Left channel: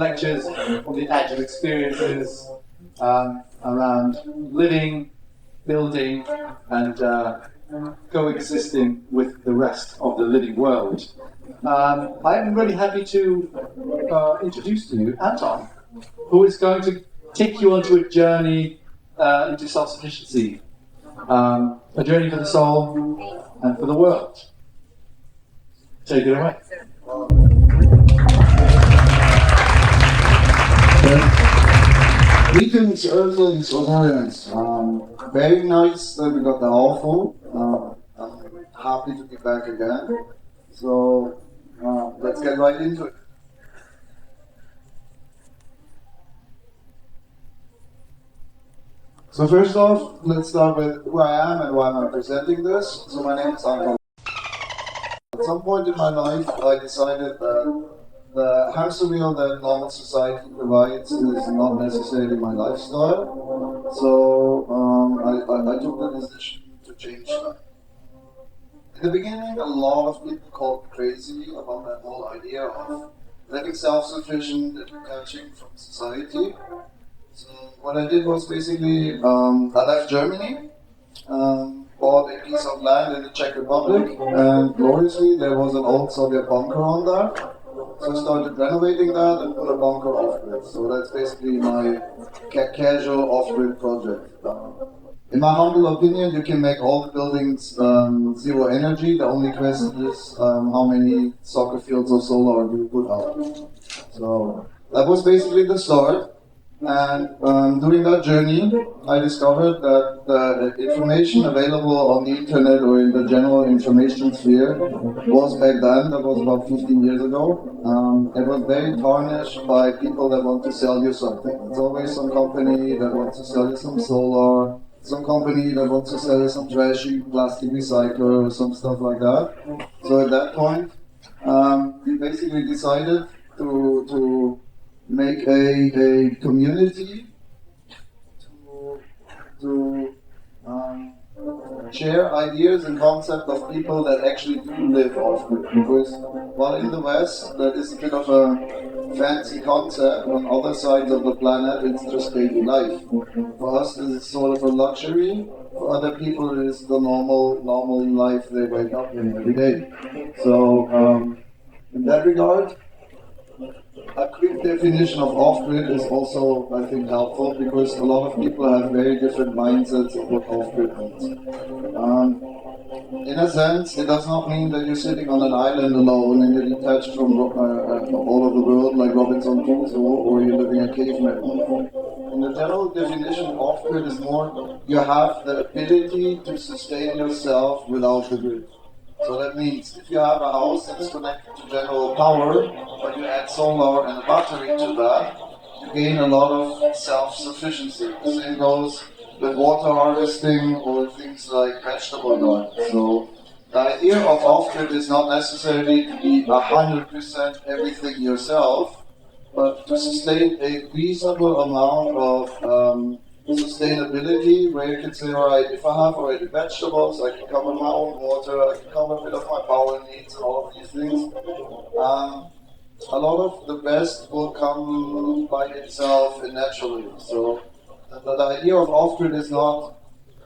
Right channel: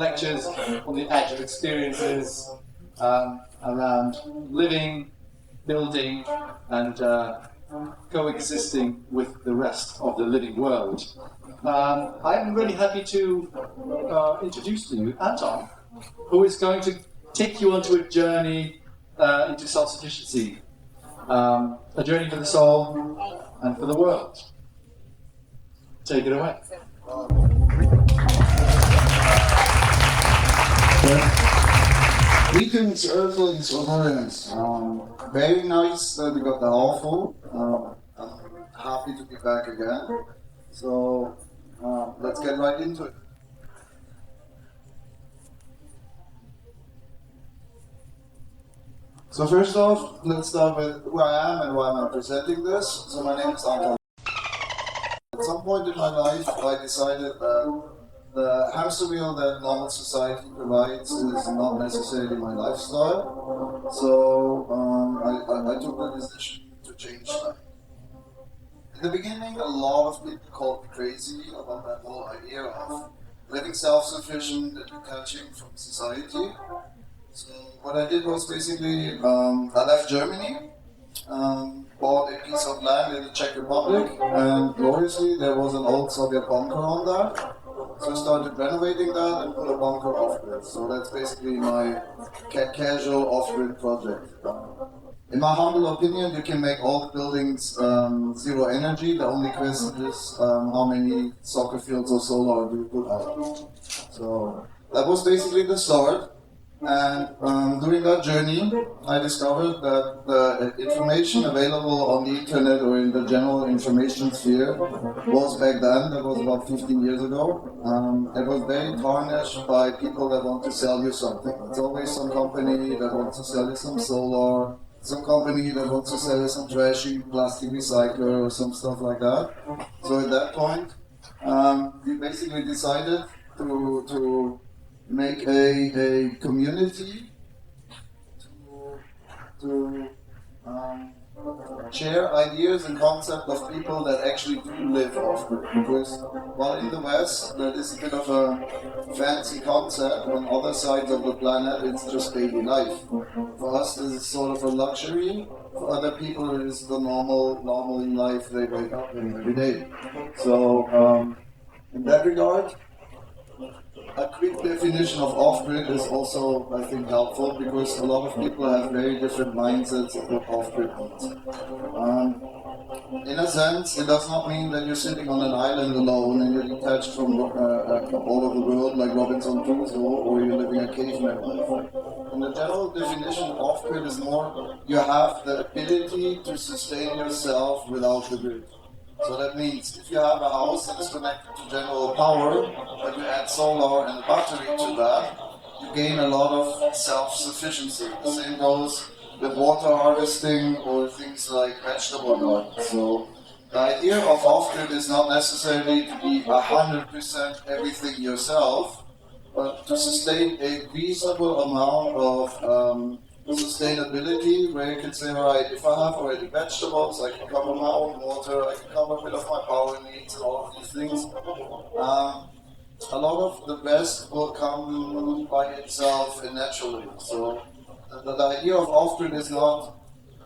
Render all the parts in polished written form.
lectures on the actual experiences around living, building, and coexisting with the rest of the living world. I'm really happy to introduce to you Anton, who is going to take you onto a journey into self-sufficiency, a journey for the soul and for the world. Take it away. Greetings, Earthlings, Ozorians. Very nice that we got the hall full. I'm happy to be back again. So let's get right into it. So first off, let's start with who I am and why I'm presenting this. So my name is Anton. At some point in my life, I decided that the hamster wheel that normal society provides is not necessarily my lifestyle. So I took the decision to change that. In the beginning, a lot of people called me crazy about that whole idea of living self-sufficient and detaching from society. So what I did was basically, I left Germany, bought a piece of land in the Czech Republic, and gloriously there was an old Soviet bunker on there. So I started renovating that and put a bunker off-grid. So that's basically my casual off-grid project. In my humble opinion, you can make all the buildings zero energy. The only question is how many soccer fields of solar do you put out. So that was basically the start. And during that journey, I discovered that the information available on the internet or in the general information sphere was back then, that was about 15 years ago, it was very tarnished by people that want to sell you something. It's always some company that wants to sell you some solar, some company that wants to sell you some trashy plastic recycler or some stuff like that. So at that point, we basically decided to make a community to share ideas and concepts of people that actually do live off-grid. Because while in the West, that is a bit of a fancy concept, on other sides of the planet, it's just daily life. For us, this is sort of a luxury. For other people, it is the normal life they wake up in every day. So, in that regard, a quick definition of off-grid is also, I think, helpful because a lot of people have very different mindsets of what off-grid means. In a sense, it does not mean that you're sitting on an island alone and you're detached from all of the world like Robinson Crusoe, or you're living a caveman life. In the general definition, off-grid is more you have the ability to sustain yourself without the grid. So that means if you have a house that is connected to general power, but you add solar and a battery to that, you gain a lot of self-sufficiency. The same goes with water harvesting or things like vegetable garden. So the idea of off-grid is not necessarily to be 100% everything yourself, but to sustain a reasonable amount of sustainability, where you can say, all right, if I have already vegetables, I can cover my own water, I can cover a bit of my power needs and all of these things. A lot of the best will come by itself and naturally. So the idea of off-grid is not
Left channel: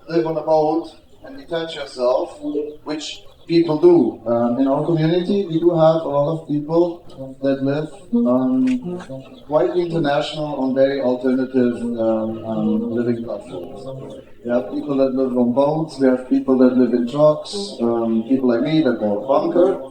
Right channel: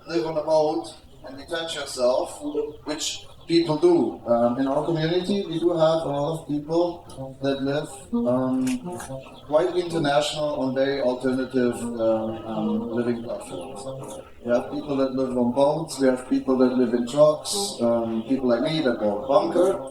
live on a boat and detach yourself, which people do. In our community, we do have a lot of people that live quite international on very alternative living platforms. We have people that live on boats, we have people that live in trucks, people like me that bought a bunker.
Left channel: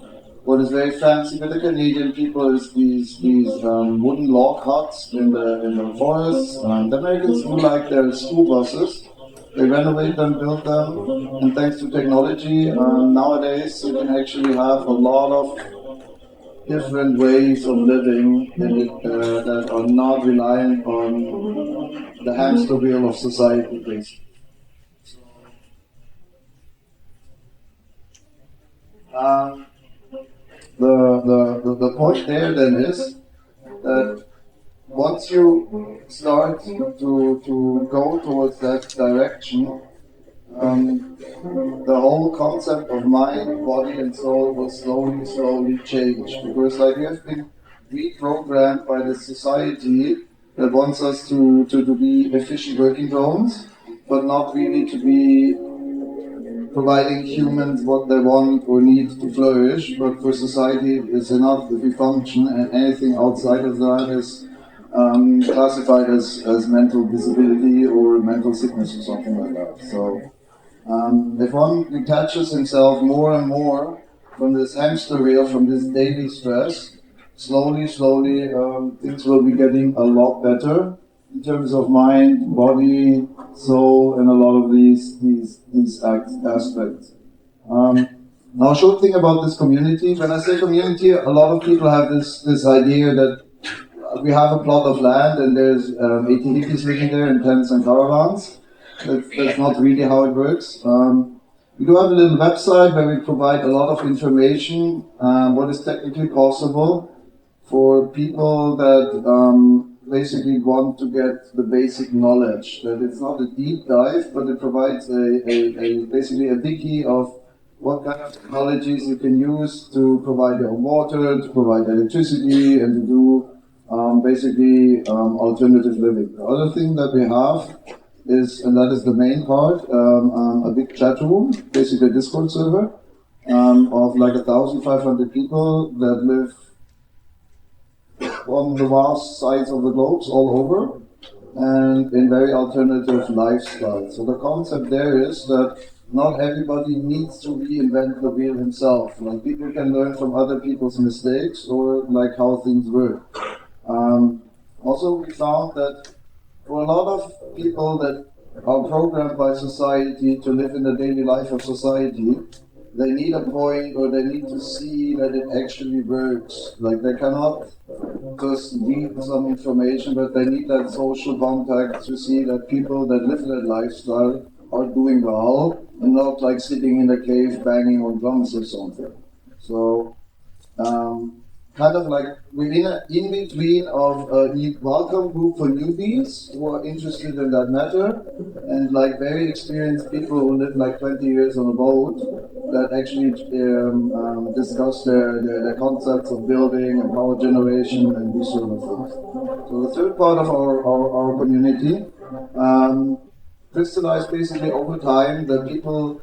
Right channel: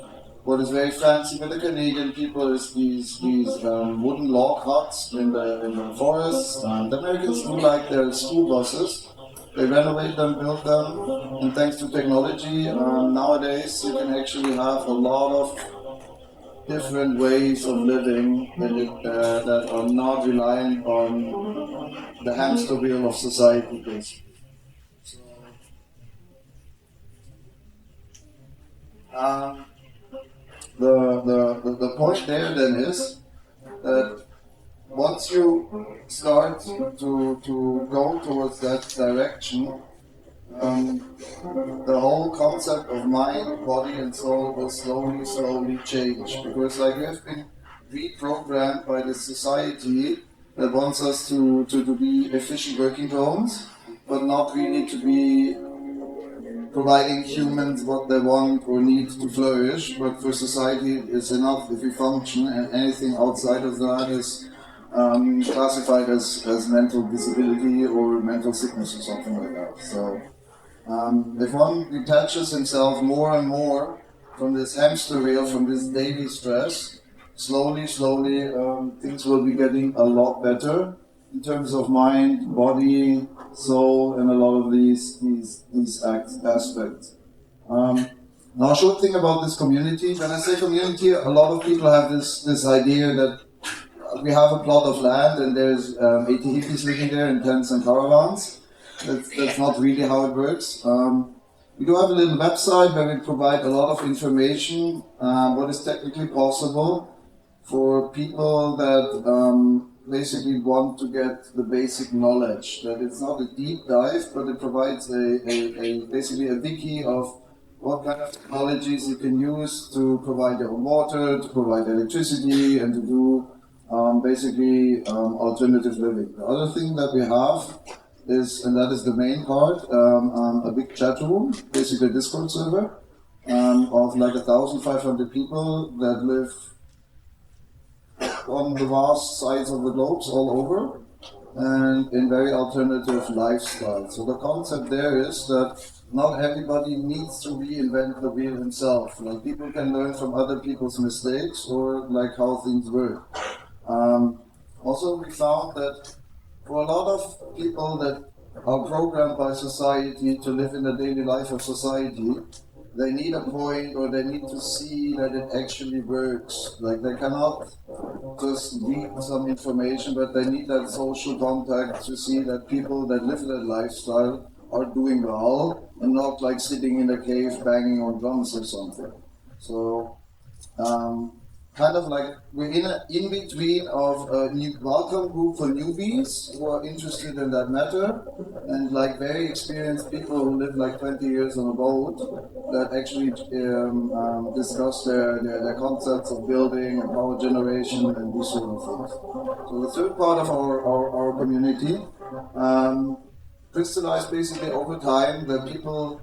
What is very fancy with the Canadian people is these wooden log huts in the forests. The Americans do like their school buses. They renovate them, build them, and thanks to technology, nowadays you can actually have a lot of different ways of living that are not reliant on the hamster wheel of society, basically. The point there then is that once you start to go towards that direction, the whole concept of mind, body and soul will slowly change, because like we have been reprogrammed by the society that wants us to be efficient working drones, but not really to be providing humans what they want or need to flourish, but for society it's enough if we function, and anything outside of that is classified as mental disability or mental sickness or something like that. So if one detaches himself more and more from this hamster wheel, from this daily stress, slowly, things will be getting a lot better in terms of mind, body, soul, and a lot of these aspects. Now, a short thing about this community. When I say community, a lot of people have this idea that we have a plot of land and there's 80 hippies living there in tents and caravans. That's not really how it works. We do have a little website where we provide a lot of information, what is technically possible for people that basically want to get the basic knowledge. That it's not a deep dive, but it provides basically a wiki of what kind of technologies you can use to provide your own water, to provide electricity, and to do alternative living. The other thing that we have is, and that is the main part, a big chat room, basically a Discord server of like 1,500 people that live on the vast sides of the globes all over and in very alternative lifestyles. So the concept there is that not everybody needs to reinvent the wheel himself. Like people can learn from other people's mistakes or like how things work. Also, we found that for a lot of people that are programmed by society to live in the daily life of society, they need a point or they need to see that it actually works. Like they cannot just read some information, but they need that social contact to see that people that live that lifestyle are doing well and not like sitting in a cave banging on drums or something. So, kind of like within in between of a new welcome group for newbies who are interested in that matter, and like very experienced people who live like 20 years on a boat that actually discuss their concepts of building and power generation and these sort of things. So the third part of our community crystallized basically over time that people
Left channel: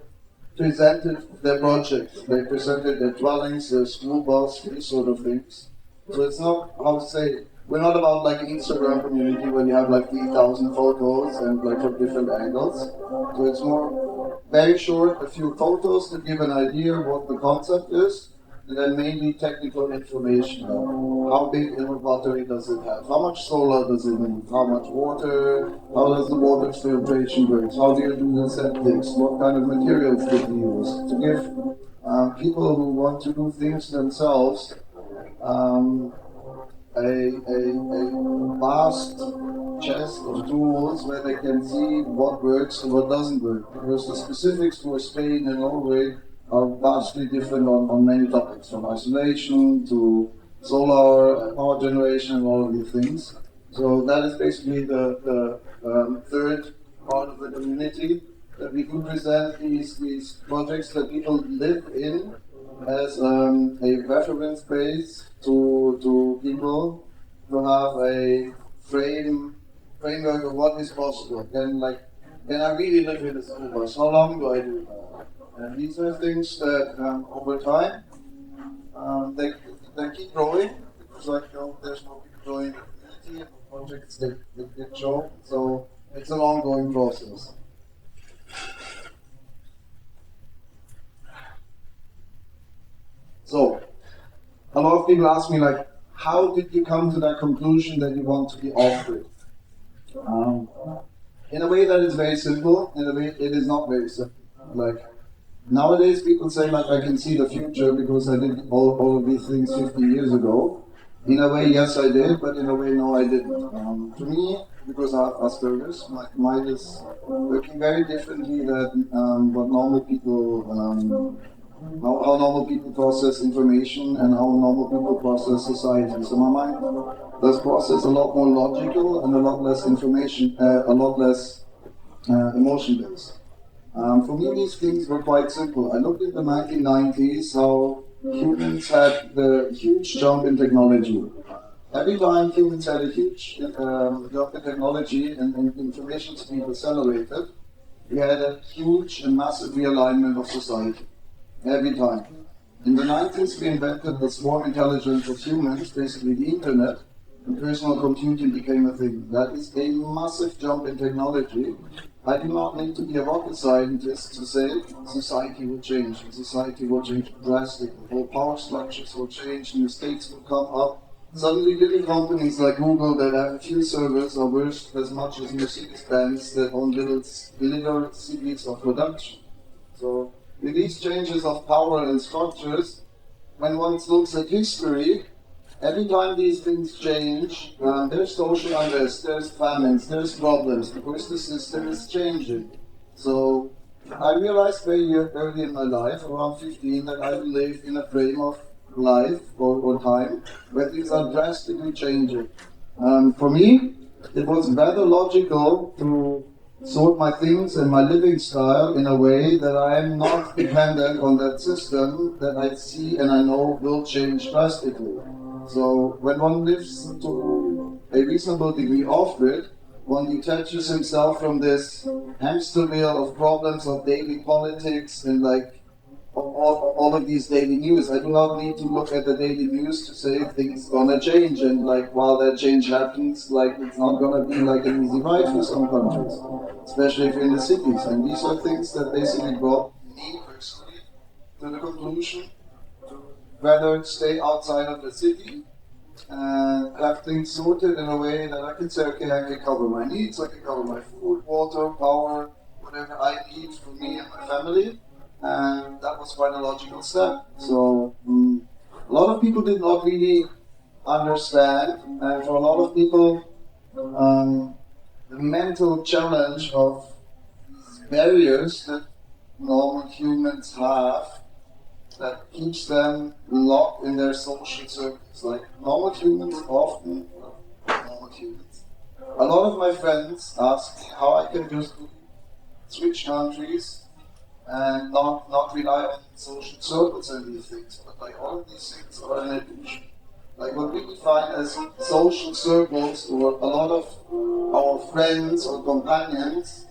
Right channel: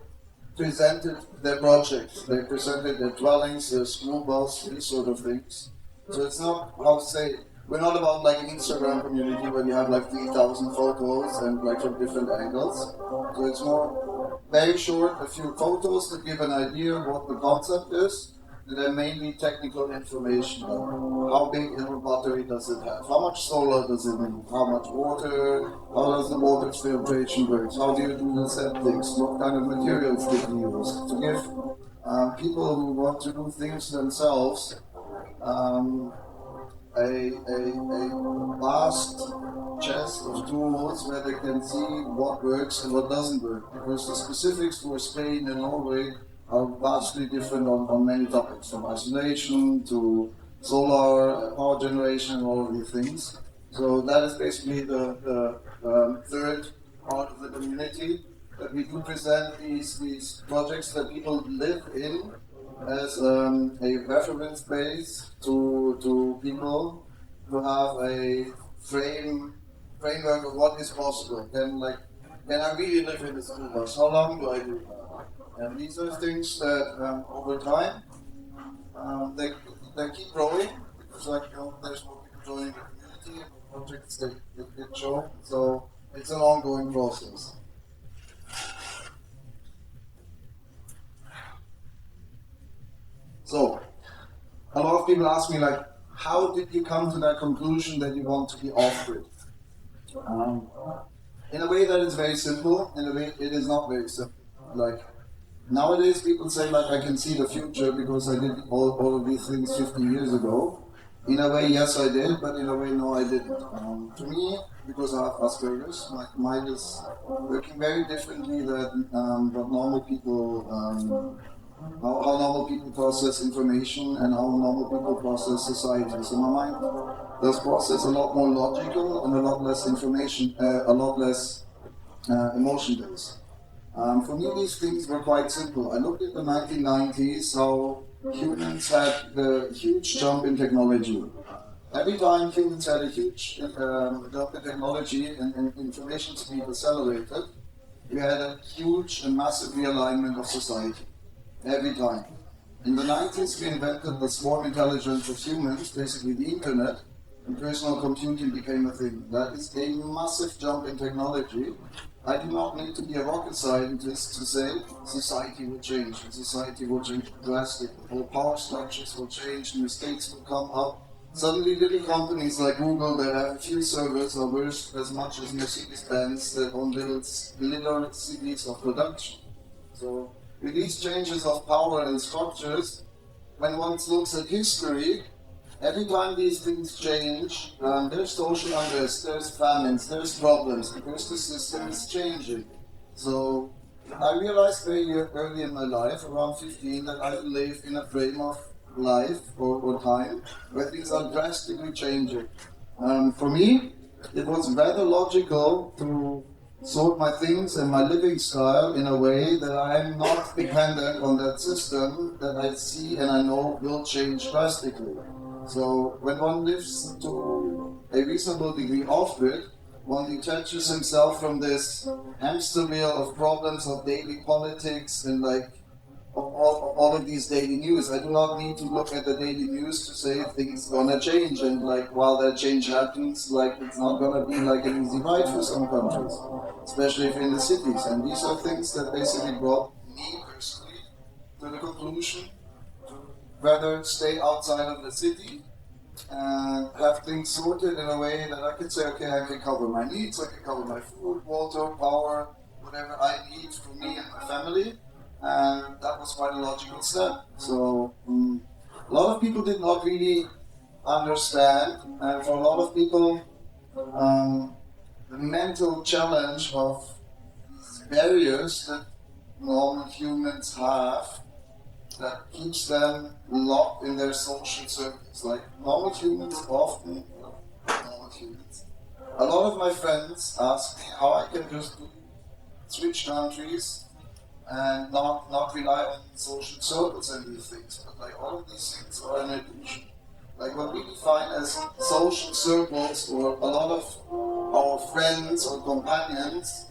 presented their projects, they presented their dwellings, their school bus, these sort of things. So it's not, how to say, we're not about like an Instagram community where you have like 3,000 photos and like from different angles. So it's more very short, a few photos to give an idea of what the concept is, and then mainly technical information. How big a battery does it have? How much solar does it need? How much water? How does the water filtration work? How do you do the septics? What kind of materials did you use? To give people who want to do things themselves a vast chest of tools where they can see what works and what doesn't work. Because the specifics for Spain and Norway are vastly different on many topics, from isolation to solar, power generation, and all of these things. So that is basically the third part of the community, that we could present these projects that people live in as a reference base to people who have a framework of what is possible. Can I really live in this universe? How long do I do that? And these are things that over time they keep growing. It's like there's more people joining the community, projects that get shown. So it's an ongoing process. So, a lot of people ask me like, how did you come to that conclusion that you want to be off-grid? In a way that is very simple, in a way it is not very simple. Like, nowadays people say like, I can see the future because I did all of these things 50 years ago. In a way, yes I did, but in a way, no I didn't. To me, because I have Asperger's, my mind is working very differently than what normal people how normal people process information and how normal people process society. So my mind does process a lot more logical and a lot less information, a lot less emotion-based. For me, these things were quite simple. I looked at the 1990s, how humans had the huge jump in technology. every time humans had a huge jump in technology and information speed accelerated, we had a huge and massive realignment of society. Every time. In the 90s, we invented the swarm intelligence of humans, basically the internet, and personal computing became a thing. That is a massive jump in technology. I do not need to be a rocket scientist to say society will change. Society will change drastically. Whole power structures will change, new states will come up. Suddenly little companies like Google that have a few servers are worth as much as Mercedes-Benz that own little cities of production. So with these changes of power and structures, when one looks at history, every time these things change, there's social unrest, there's famines, there's problems, because the system is changing. So I realized very early in my life, around 15, that I live in a frame of life or time where things are drastically changing. For me, it was rather logical to sort my things and my living style in a way that I am not dependent on that system that I see and I know will change drastically. So when one lives to a reasonable degree off-grid, one detaches himself from this hamster wheel of problems of daily politics and like all of these daily news. I do not need to look at the daily news to say things gonna change, and like while that change happens, like it's not gonna be like an easy ride for some countries, especially if in the cities. And these are things that basically brought me personally to the conclusion to rather stay outside of the city and have things sorted in a way that I can say, okay, I can cover my needs, I can cover my food, water, power, whatever I need for me and my family. And that was quite a logical step. So a lot of people did not really understand, and for a lot of people, the mental challenge of barriers that normal humans have that keeps them locked in their social circles. Like normal humans often, normal humans. A lot of my friends ask me how I can just switch countries and not rely on social circles and these things. But like all of these things are an illusion. Like what we define as social circles, or a lot of our friends or companions,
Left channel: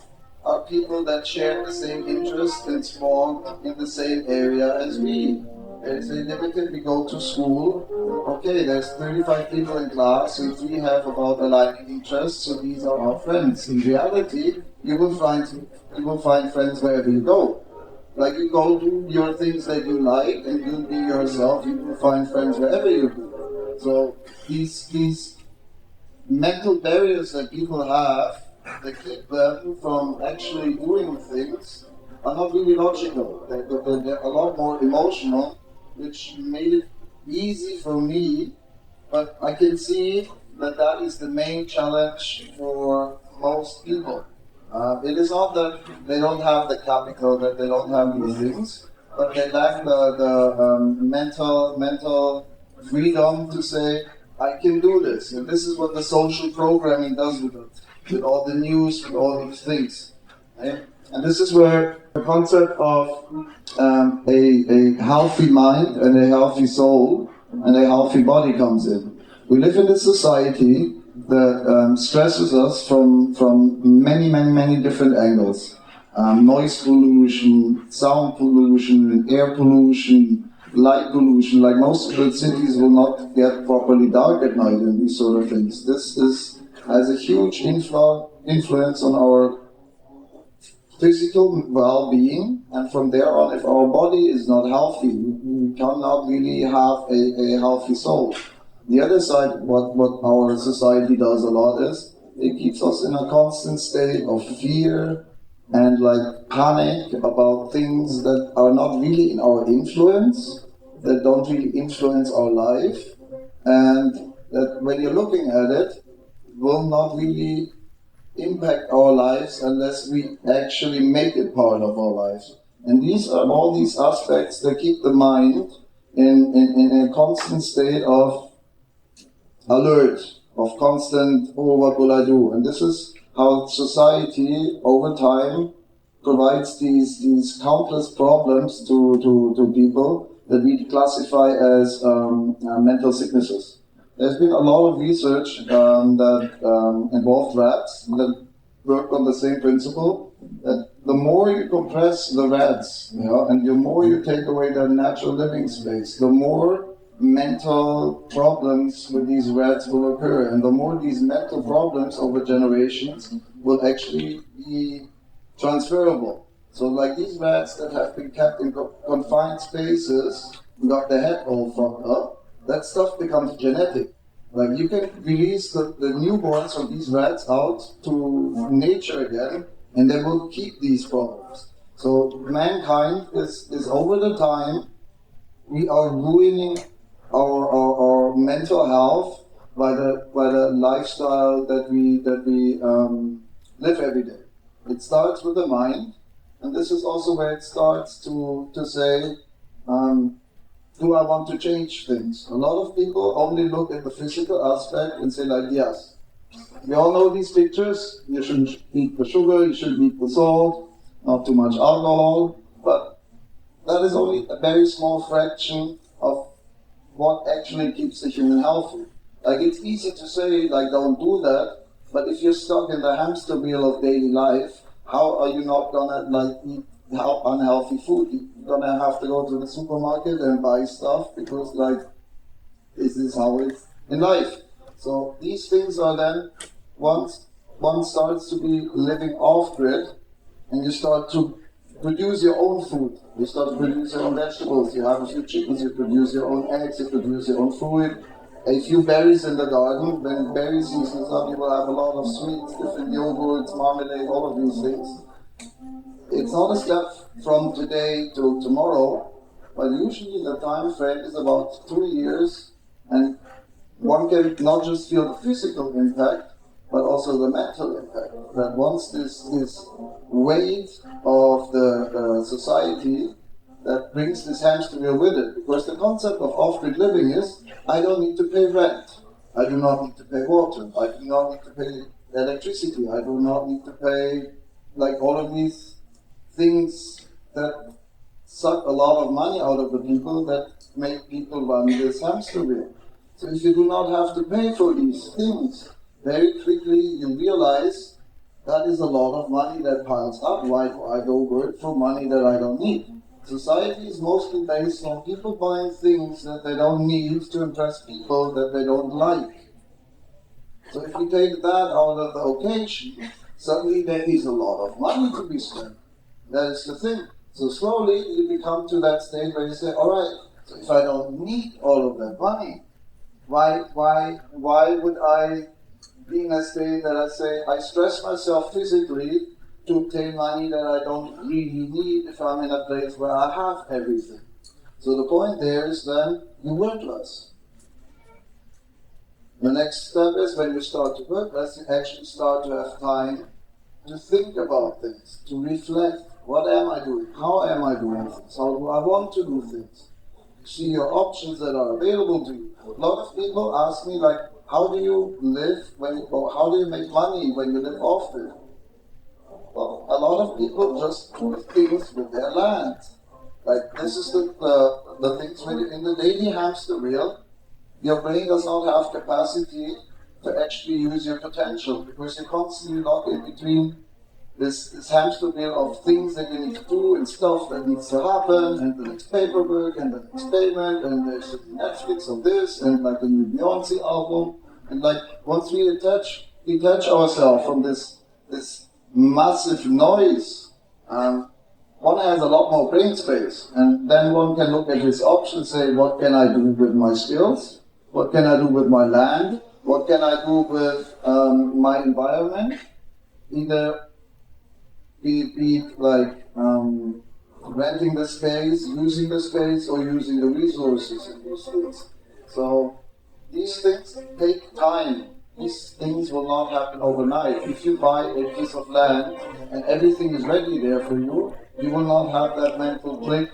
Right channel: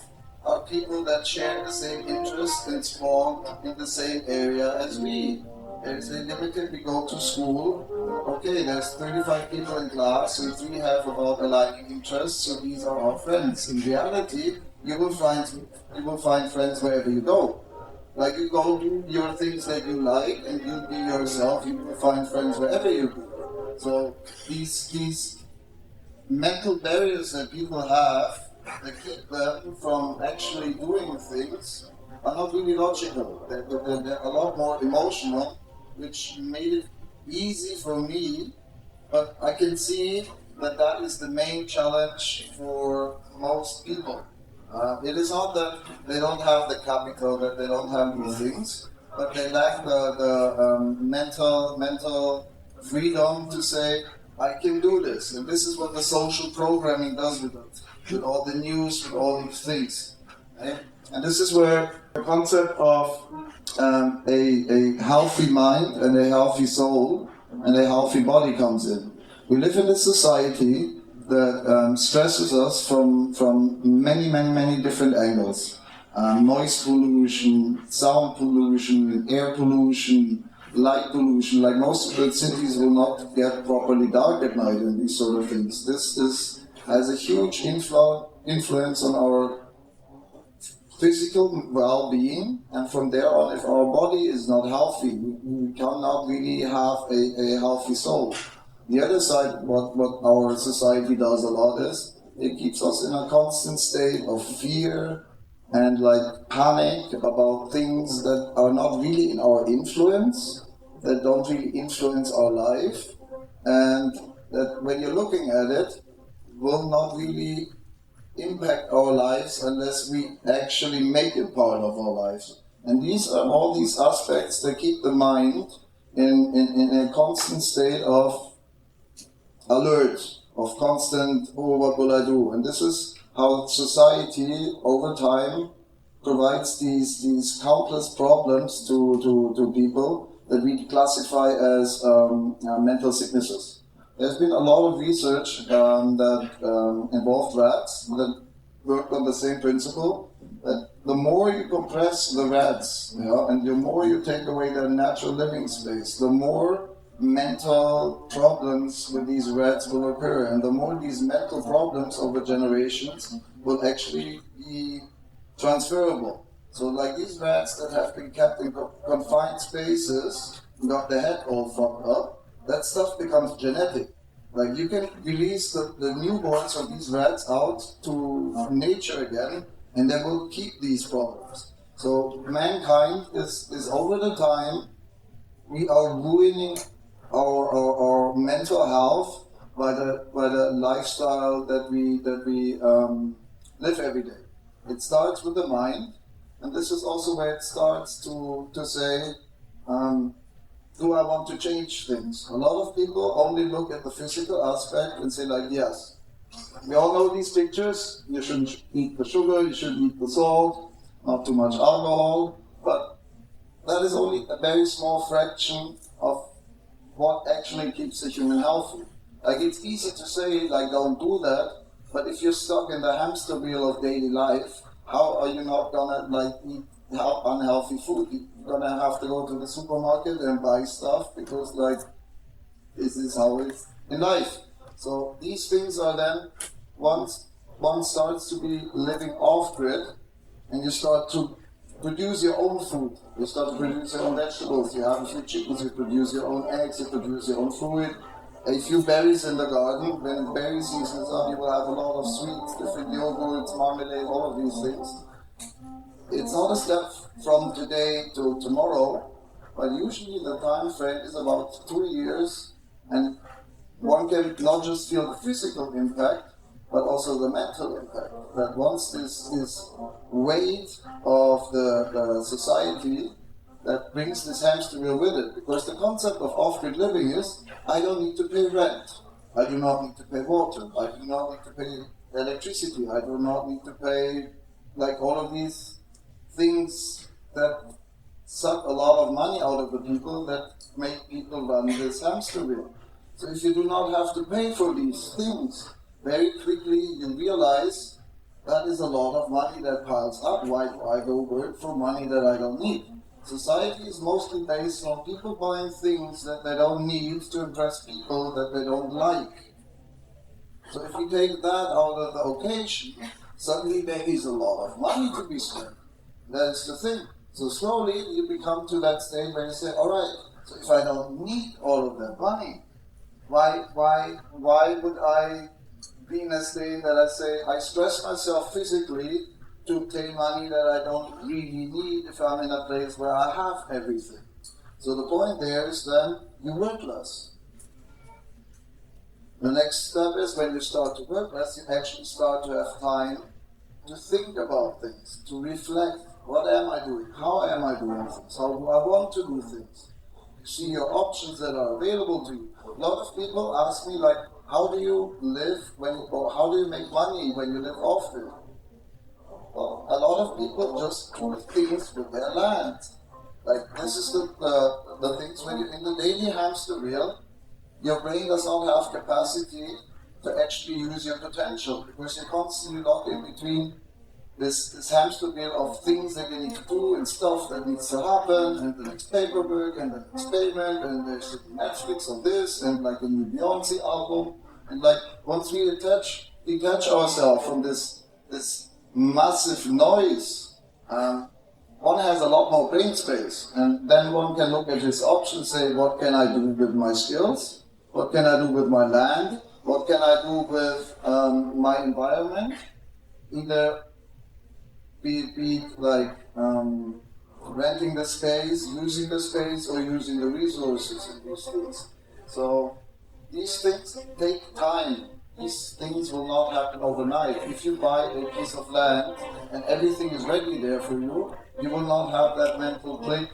are people that share the same interests and spawn in the same area as we. There's a limited, we go to school, okay, there's 35 people in class and we have about aligning interests, so these are our friends. In reality, you will find friends wherever you go. Like you go do your things that you like and you be yourself, you will find friends wherever you go. So these mental barriers that people have that keep them from actually doing things are not really logical. They're a lot more emotional, which made it easy for me, but I can see that that is the main challenge for most people. It is not that they don't have the capital, that they don't have these things, but they lack the mental freedom to say, I can do this. And this is what the social programming does with it, with all the news, with all these things. Okay? And this is where the concept of a healthy mind and a healthy soul and a healthy body comes in. We live in a society that stresses us from many different angles. Noise pollution, sound pollution, air pollution, light pollution. Like most of the cities will not get properly dark at night and these sort of things. This has a huge influence on our physical well-being, and from there on, if our body is not healthy, we cannot really have a healthy soul. The other side, what our society does a lot is, it keeps us in a constant state of fear and like panic about things that are not really in our influence, that don't really influence our life, and that when you're looking at it, will not really impact our lives unless we actually make it part of our lives. And these are all these aspects that keep the mind in a constant state of alert, of constant, oh, what will I do? And this is how society, over time, provides these countless problems to people that we classify as mental sicknesses. There's been a lot of research that involved rats that worked on the same principle. That the more you compress the rats, and the more you take away their natural living space, the more mental problems with these rats will occur, and the more these mental problems over generations will actually be transferable. So, like these rats that have been kept in confined spaces, got their head all fucked up, that stuff becomes genetic. Like you can release the newborns of these rats out to nature again, and they will keep these problems. So mankind is over the time, we are ruining our mental health by the lifestyle that we live every day. It starts with the mind, and this is also where it starts to say, do I want to change things? A lot of people only look at the physical aspect and say like, yes, we all know these pictures, you shouldn't eat the sugar, you shouldn't eat the salt, not too much alcohol, but that is only a very small fraction of what actually keeps the human healthy. Like it's easy to say like don't do that, but if you're stuck in the hamster wheel of daily life, how are you not gonna like eat unhealthy food? You're gonna have to go to the supermarket and buy stuff because like this is how it's in life. So these things are then once one starts to be living off grid and you start to produce your own food. You start to produce your own vegetables, you have a few chickens, you produce your own eggs, you produce your own fruit, a few berries in the garden. When berry season is up, you will have a lot of sweets, different yogurts, marmalade, all of these things. It's not a step from today to tomorrow, but usually the time frame is about 2 years, and one can not just feel the physical impact, but also the mental impact. That once this weight of the society that brings this hamster wheel with it, because the concept of off-grid living is, I don't need to pay rent, I do not need to pay water, I do not need to pay electricity, I do not need to pay like all of these things that suck a lot of money out of the people that make people run this hamster wheel. So if you do not have to pay for these things, very quickly you realize that is a lot of money that piles up. Why do I go work for money that I don't need? Society is mostly based on people buying things that they don't need to impress people that they don't like. So if you take that out of the occasion, suddenly there is a lot of money to be spent. That is the thing. So slowly you become to that state where you say, all right, so if I don't need all of that money, why would I be in a state that I say I stress myself physically to obtain money that I don't really need if I'm in a place where I have everything? So the point there is then you work less. The next step is when you start to work less, you actually start to have time to think about things, to reflect, what am I doing? How am I doing things? How do I want to do things? See your options that are available to you. A lot of people ask me like, how do you live or how do you make money when you live off it? Well, a lot of people just do things with their land. Like this is the things when you're in the daily hamster wheel, your brain does not have capacity to actually use your potential because you're constantly locked in between this hamster wheel of things that you need to do and stuff that needs to happen and the next paperwork and the next payment and there's Netflix of this and like the new Beyonce album and like once we detach ourselves from this massive noise, one has a lot more brain space and then one can look at his options, say what can I do with my skills, what can I do with my land, what can I do with my environment, either be like renting the space, using the space, or using the resources in these things. So these things take time. These things will not happen overnight. If you buy a piece of land and everything is ready there for you, you will not have that mental click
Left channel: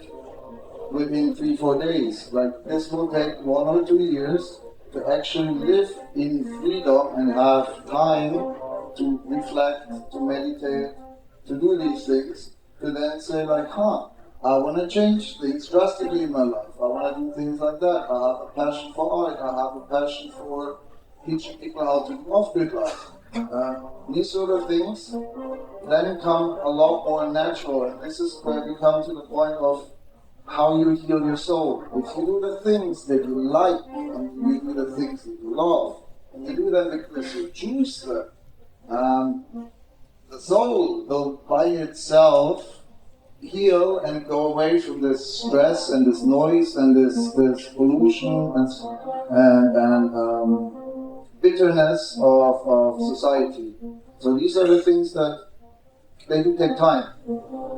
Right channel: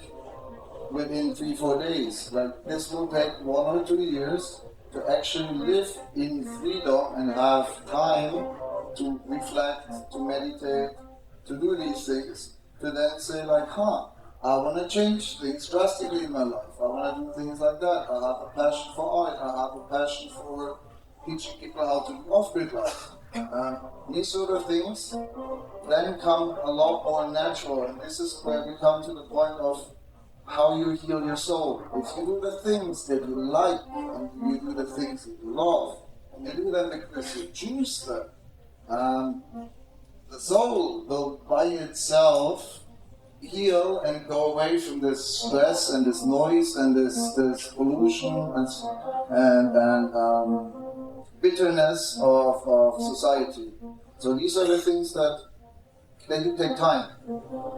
within 3-4 days. Like this will take 1 or 2 years to actually live in freedom and have time to reflect, to meditate, to do these things, to then say like, I want to change things drastically in my life. I want to do things like that. I have a passion for art. I have a passion for teaching people how to do off-grid life. These sort of things then come a lot more natural. And this is where we come to the point of how you heal your soul. If you do the things that you like, and you do the things that you love, and you do them because you choose them, the soul will by itself heal and go away from this stress and this noise and this pollution and bitterness of society. So these are the things that they do take time.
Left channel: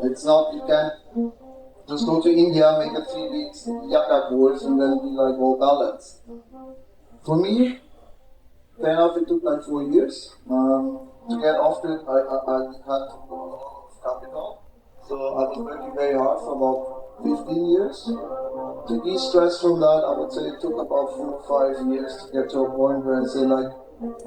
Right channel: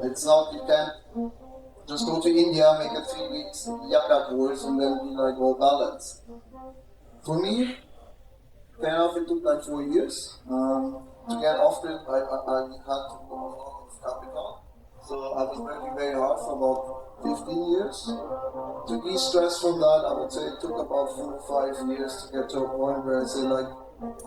It's not, you can't just go to India, make a 3 weeks yoga course and then be like all balanced. For me, fair enough, it took like 4 years. To get off it, I had a lot of capital. So I was working very hard for about 15 years. To de-stress from that, I would say it took about 4 or 5 years to get to a point where I say like,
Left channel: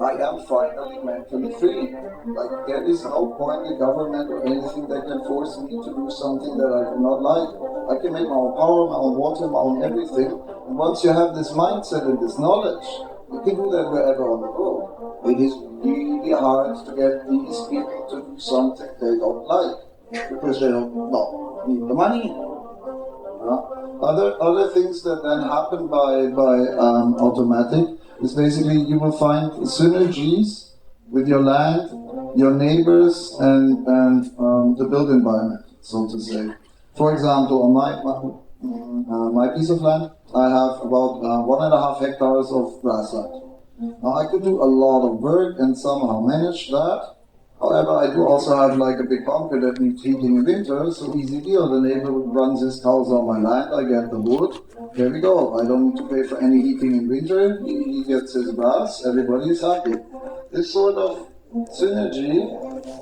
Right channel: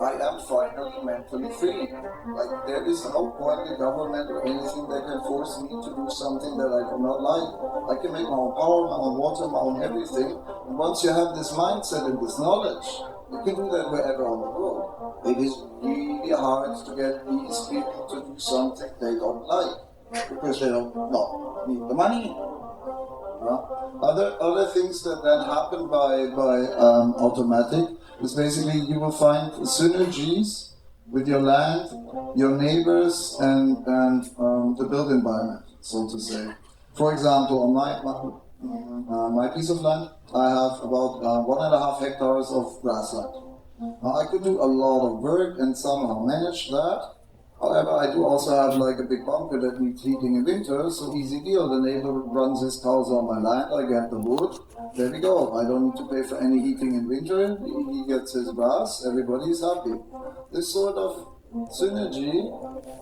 I am finally mentally free. Like there is no point in government or anything that can force me to do something that I do not like. I can make my own power, my own water, my own everything. And once you have this mindset and this knowledge, you can do that wherever on the road. It is really hard to get these people to do something they don't like because they don't need the money. Other things that then happen by automatic is basically you will find synergies with your land, your neighbors, and the built environment, so to say. For example, on my piece of land, I have about 1.5 hectares of grassland. Now I could do a lot of work and somehow manage that. However, I do also have like a big bunker that needs heating in winter, so easy deal. The neighbor runs his cows on my land, I get the wood. There we go. I don't need to pay for any heating in winter. He gets his grass. Everybody is happy. This sort of synergy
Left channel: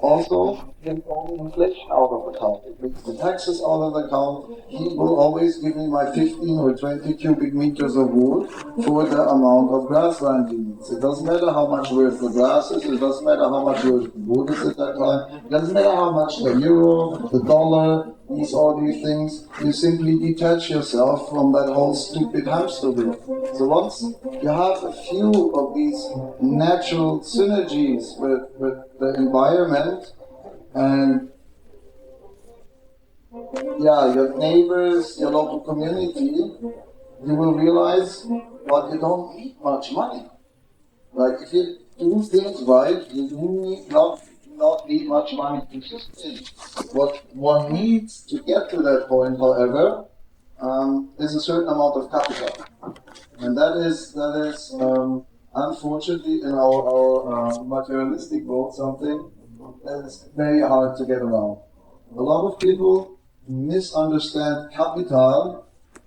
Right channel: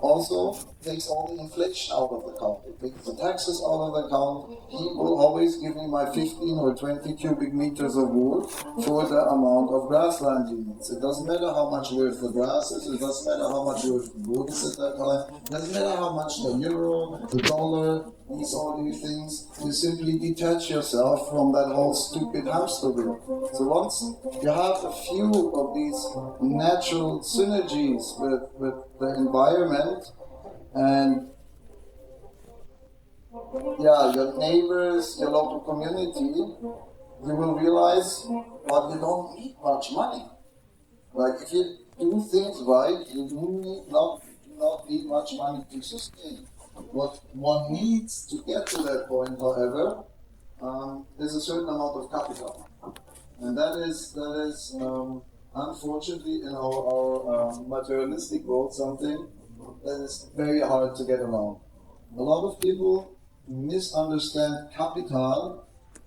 also takes all the inflation out of the account. It takes the taxes out of the account. He will always give me my 15 or 20 cubic meters of wood for the amount of grassland he needs. It doesn't matter how much worth the grass is, it doesn't matter how much worth the wood is at that time, it doesn't matter how much the euro, the dollar, all these things, you simply detach yourself from that whole stupid hamster wheel. So once you have a few of these natural synergies with the environment and your neighbors, your local community, you will realize, well, you don't need much money. Like if you do things right, you do not need much money to sustain. What one needs to get to that point, however, is a certain amount of capital, and that is unfortunately in our materialistic world something that is very hard to get around. A lot of people misunderstand capital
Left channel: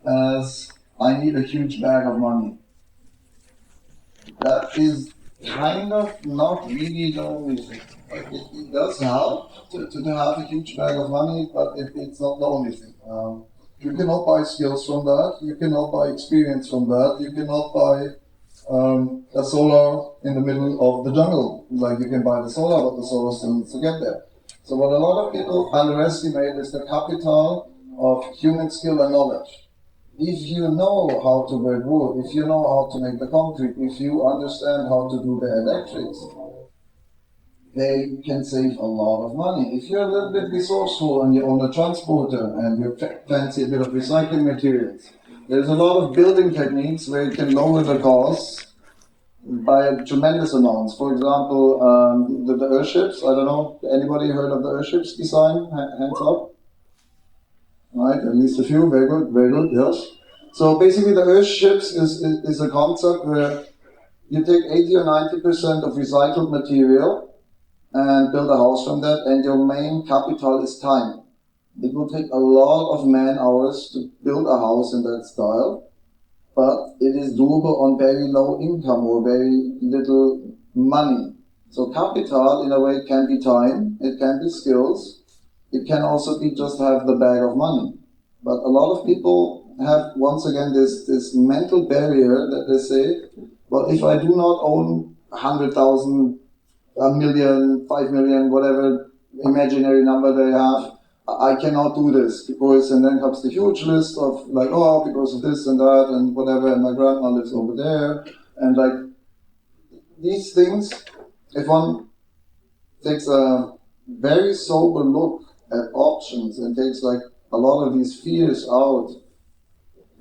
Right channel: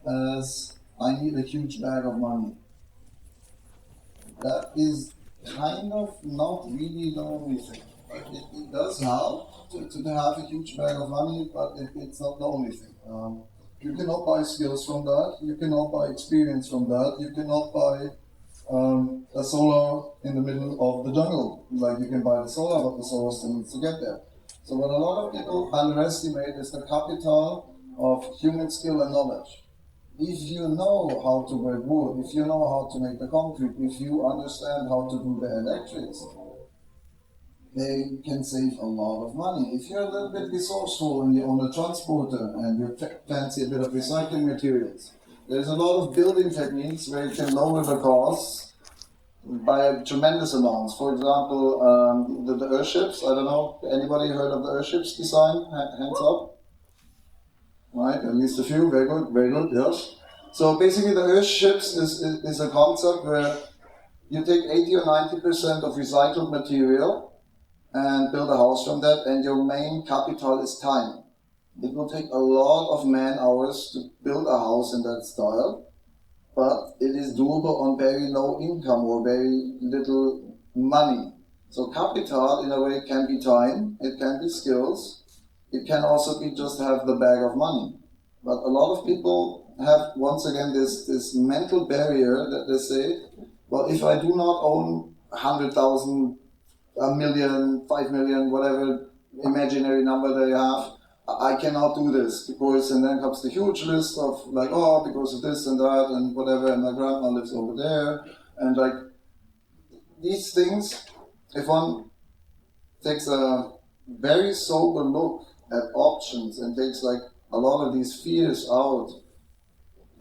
as I need a huge bag of money. That is kind of not really the only thing. It does help to have a huge bag of money, but it's not the only thing. You cannot buy skills from that, you cannot buy experience from that, you cannot buy a solar in the middle of the jungle. Like you can buy the solar, but the solar still needs to get there. So what a lot of people underestimate is the capital of human skill and knowledge. If you know how to break wood, if you know how to make the concrete, if you understand how to do the electrics, they can save a lot of money. If you're a little bit resourceful and you own a transporter and you fancy a bit of recycling materials, there's a lot of building techniques where you can lower the costs by tremendous amounts. For example, the airships, I don't know, anybody heard of the airships design? Hands up. Right, at least a few, very good, yes. So basically the airships is a concept where you take 80 or 90% of recycled material and build a house from that, and your main capital is time. It will take a lot of man hours to build a house in that style, but it is doable on very low income or very little money. So capital in a way can be time, it can be skills, it can also be just have the bag of money. But a lot of people have, once again, this mental barrier that they say, well, if I do not own 100,000, a million, 5 million, whatever imaginary number they have, I cannot do this because, and then comes the huge list of like, oh, because of this and that and whatever, and my grandma lives over there, and like these things, if one takes a very sober look at options and takes like a lot of these fears out,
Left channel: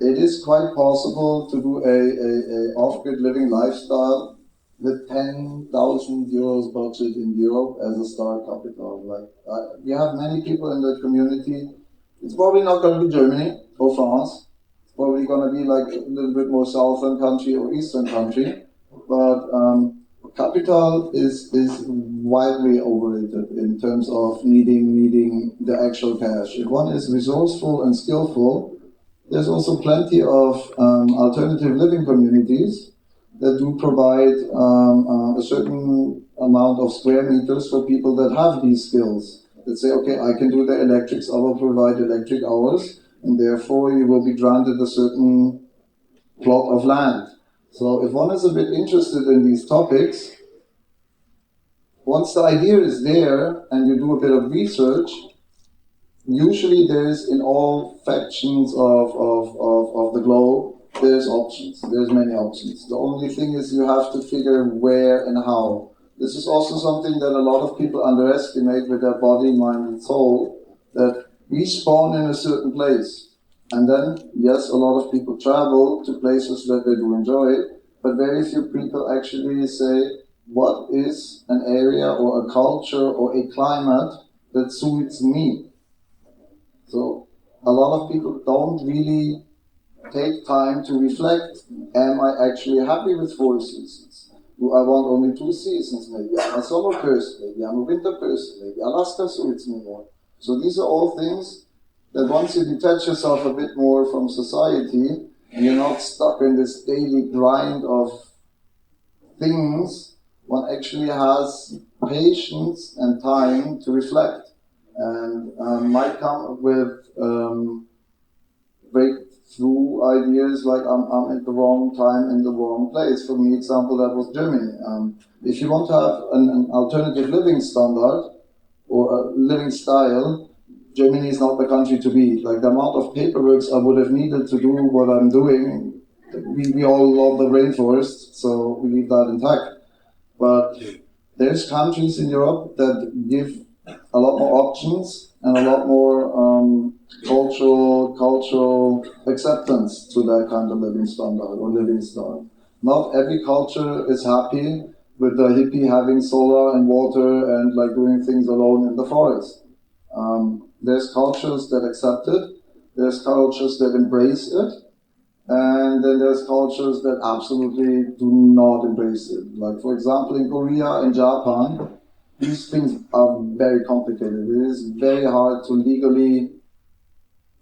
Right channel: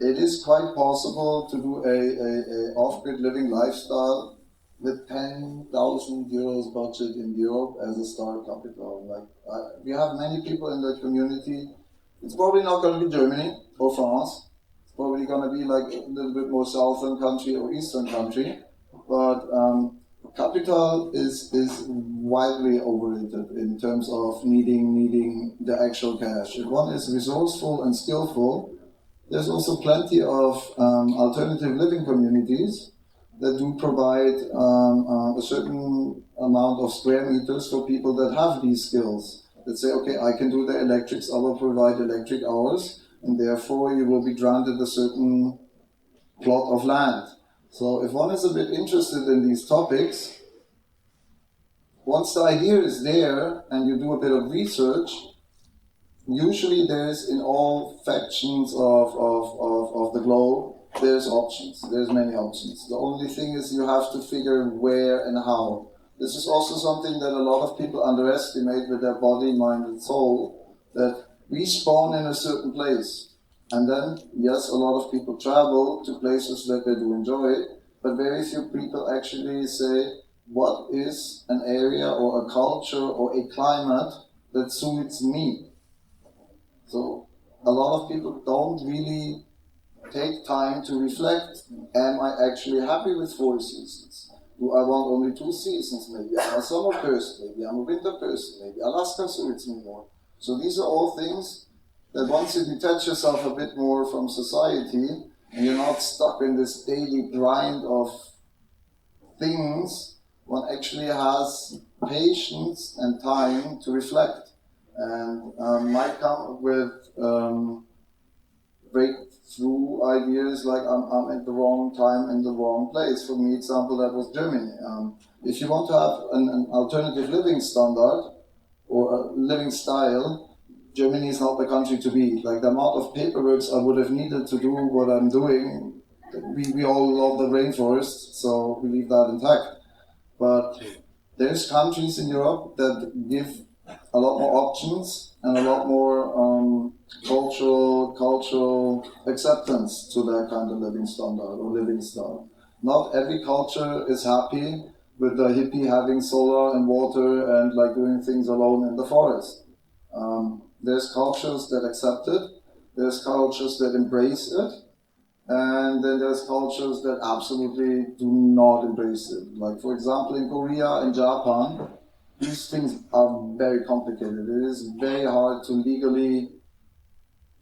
it is quite possible to do a off-grid living lifestyle with 10,000 euros budget in Europe as a start capital. Like we have many people in the community. It's probably not going to be Germany or France. It's probably going to be like a little bit more southern country or eastern country. But capital is widely overrated in terms of needing the actual cash. If one is resourceful and skillful, there's also plenty of alternative living communities that do provide a certain amount of square meters for people that have these skills. That say, okay, I can do the electrics, I will provide electric hours, and therefore you will be granted a certain plot of land. So if one is a bit interested in these topics, once the idea is there and you do a bit of research, usually there's in all factions of the globe, there's options. There's many options. The only thing is you have to figure where and how. This is also something that a lot of people underestimate with their body, mind, and soul, that we spawn in a certain place. And then, yes, a lot of people travel to places that they do enjoy, but very few people actually say, what is an area or a culture or a climate that suits me? So a lot of people don't really take time to reflect, am I actually happy with 4 seasons? Do I want only 2 seasons? Maybe I'm a summer person, maybe I'm a winter person, maybe Alaska suits me more. So these are all things that once you detach yourself a bit more from society, and you're not stuck in this daily grind of things, one actually has patience and time to reflect. And might come up with breakthrough ideas like I'm at the wrong time in the wrong place. For me, example, that was Germany. If you want to have an alternative living standard or a living style, Germany is not the country to be. Like the amount of paperwork I would have needed to do what I'm doing, we all love the rainforest, so we leave that intact. But there's countries in Europe that give a lot more options and a lot more cultural acceptance to that kind of living standard or living style. Not every culture is happy with the hippie having solar and water and like doing things alone in the forest. There's cultures that accept it, there's cultures that embrace it, and then there's cultures that absolutely do not embrace it. Like for example in Korea and Japan, these things are very complicated. It is very hard to legally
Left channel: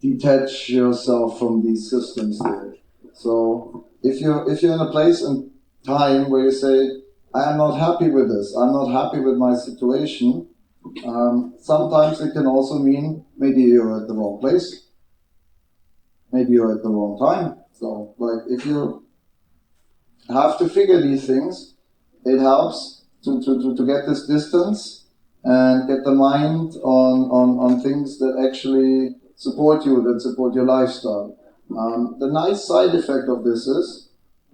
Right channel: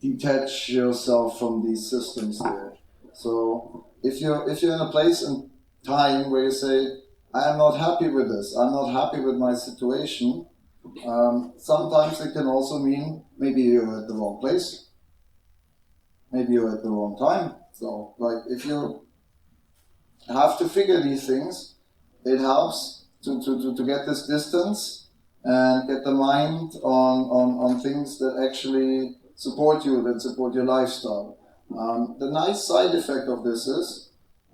detach yourself from these systems there. So if you're in a place and time where you say, I am not happy with this, I'm not happy with my situation, sometimes it can also mean maybe you're at the wrong place, maybe you're at the wrong time. So like if you have to figure these things, it helps to get this distance and get the mind on things that actually support you, that support your lifestyle. The nice side effect of this is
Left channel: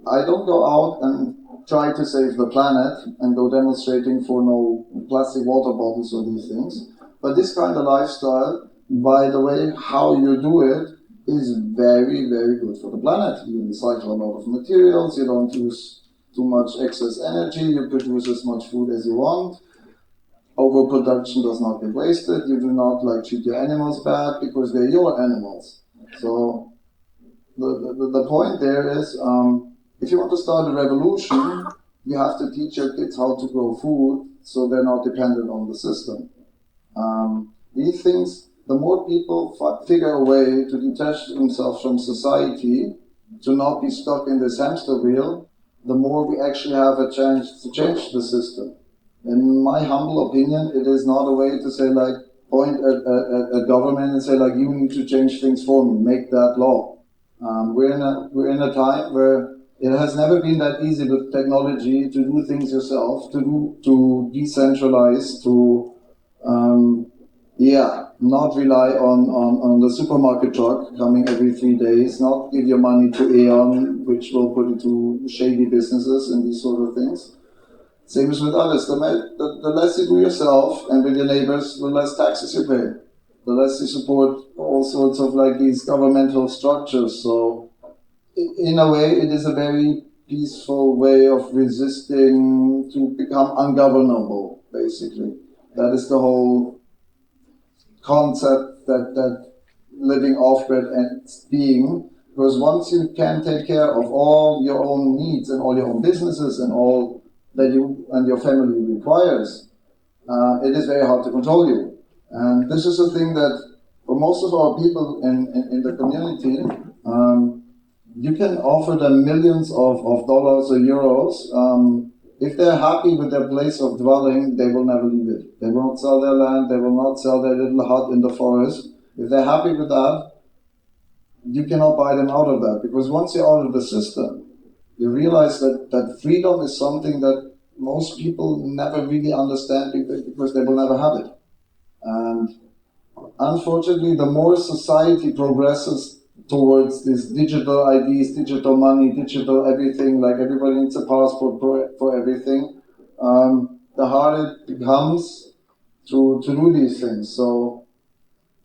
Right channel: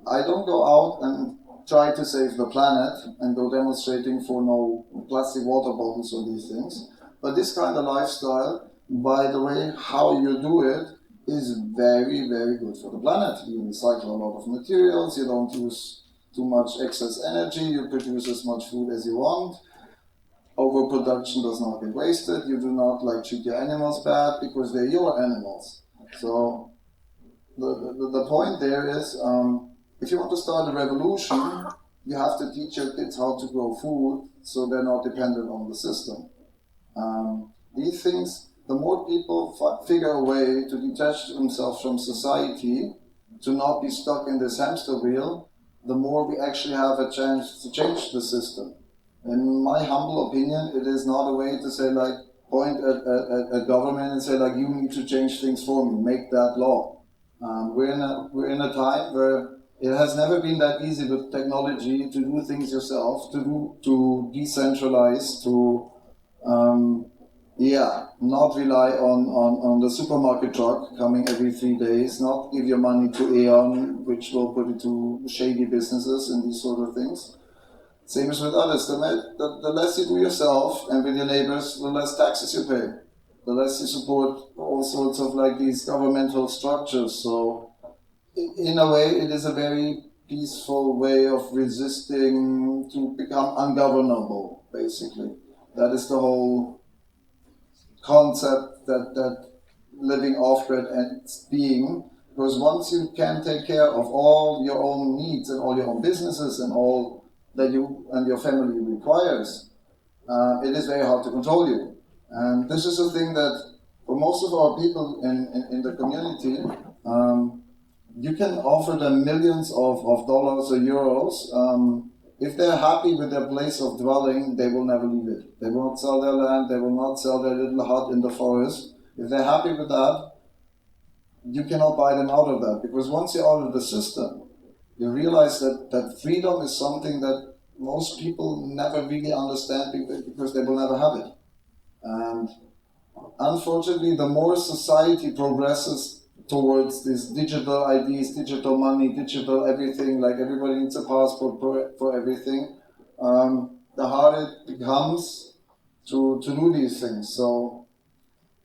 I don't go out and try to save the planet and go demonstrating for no plastic water bottles or these things. But this kind of lifestyle, by the way, how you do it, is very, very good for the planet. You recycle a lot of materials, you don't use too much excess energy, you produce as much food as you want. Overproduction does not get wasted, you do not like treat your animals bad because they're your animals. So the point there is, if you want to start a revolution, you have to teach your kids how to grow food so they're not dependent on the system. These things, the more people figure a way to detach themselves from society, to not be stuck in this hamster wheel, the more we actually have a chance to change the system. In my humble opinion, it is not a way to say like, point at government and say like, you need to change things for me, make that law. We're in a time where it has never been that easy with technology to do things yourself, to decentralize, not rely on the supermarket truck coming every 3 days, not give your money to Aeon, which will put you to shady businesses and these sort of things. Same as with others. The less you do yourself and with your neighbors, the less taxes you pay. The less you support all sorts of like these governmental structures. So in a way, it is a very peaceful way of resisting to become ungovernable, basically. That is the whole concept that living off-grid ends being, because once you can take care of all your own needs and all your own businesses and all that you and your family requires, it is very hard to control you. And this is a thing that for most of our people in the community, you can offer them millions of dollars or euros. If they're happy with their place of dwelling, they will never leave it. They will not sell their land, they will not sell their little hut in the forest. If they're happy with that, you cannot buy them out of that. Because once you're out of the system, you realize that freedom is something that most people never really understand because they will never have it. And unfortunately, the more society progresses towards these digital IDs, digital money, digital everything, like everybody needs a passport for everything, the harder it becomes to do these things. So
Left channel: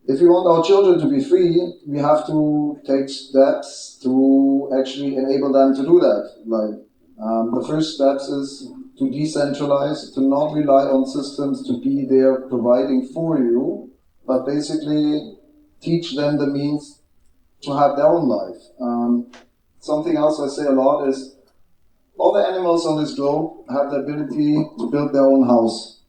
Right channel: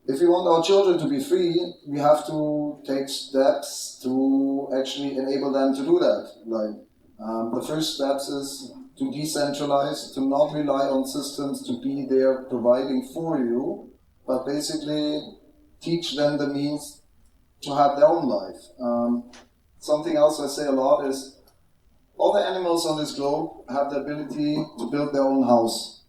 if we want our children to be free, we have to take steps to actually enable them to do that. Like the first steps is to decentralize, to not rely on systems to be there providing for you, but basically teach them the means to have their own life. Something else I say a lot is all the animals on this globe have the ability to build their own house.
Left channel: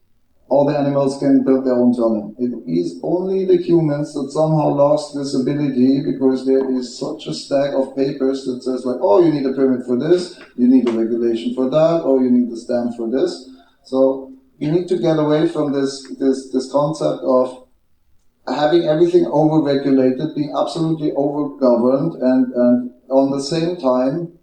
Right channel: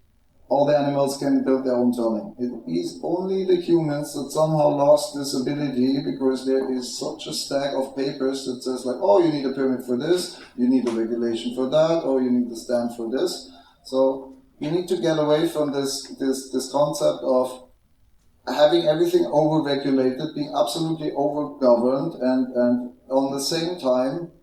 All the animals can build their own dwelling. It is only the humans that somehow lost this ability because there is such a stack of papers that says like, oh, you need a permit for this, you need a regulation for that, or you need a stamp for this. So we need to get away from this concept of having everything over-regulated, being absolutely over-governed, and on the same time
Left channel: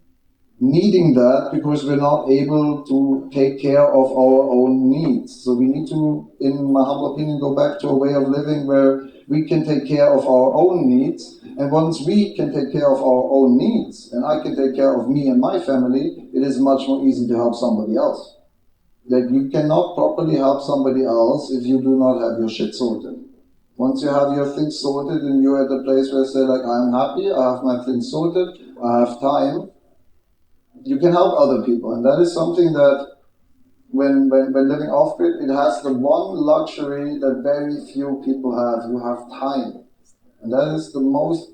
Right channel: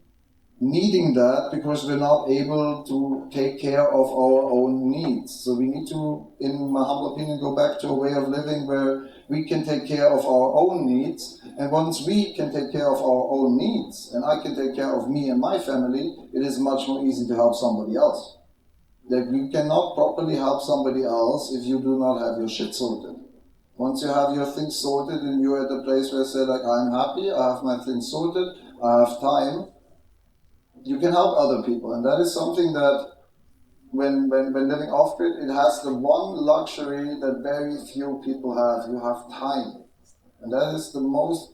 needing that because we're not able to take care of our own needs. So we need to, in my humble opinion, go back to a way of living where we can take care of our own needs. And once we can take care of our own needs, and I can take care of me and my family, it is much more easy to help somebody else. Like you cannot properly help somebody else if you do not have your shit sorted. Once you have your things sorted and you're at a place where you say like, I'm happy, I have my things sorted, I have time, you can help other people. And that is something that when living off-grid, it has the one luxury that very few people have. You have time. And that is the most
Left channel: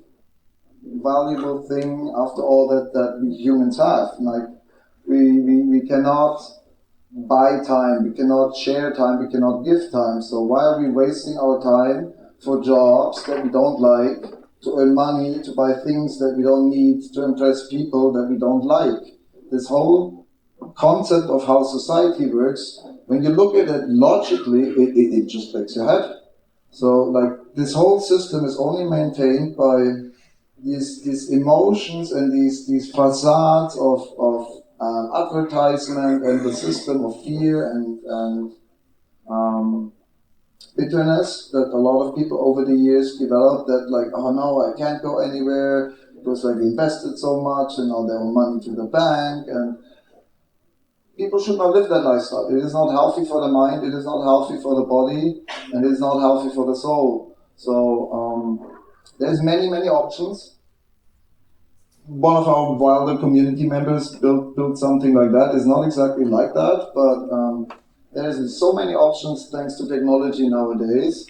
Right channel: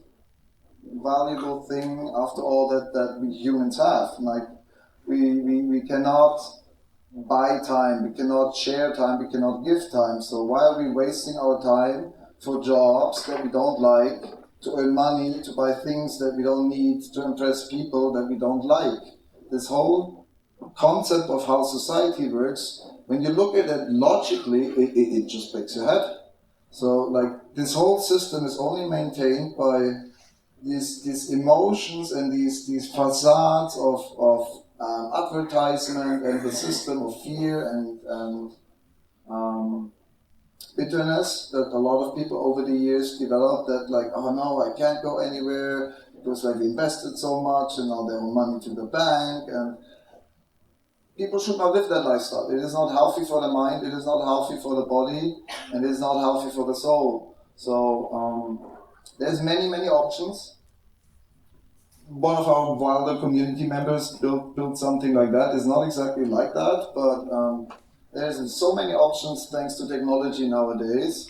valuable thing after all that we humans have. Like we cannot buy time, we cannot share time, we cannot give time. So why are we wasting our time for jobs that we don't like, to earn money, to buy things that we don't need, to impress people that we don't like? This whole concept of how society works, when you look at it logically, it just breaks your head. So like this whole system is only maintained by these emotions and these facades of advertisement and the system of fear and bitterness that a lot of people over the years developed, that like, oh no, I can't go anywhere because like they invested so much and now they owe money to the bank, and people should not live that lifestyle. It is not healthy for the mind, it is not healthy for the body, and it is not healthy for the soul. So there's many options. One of our wilder community members built something like that. It's not exactly like that, but there's so many options thanks to technology nowadays.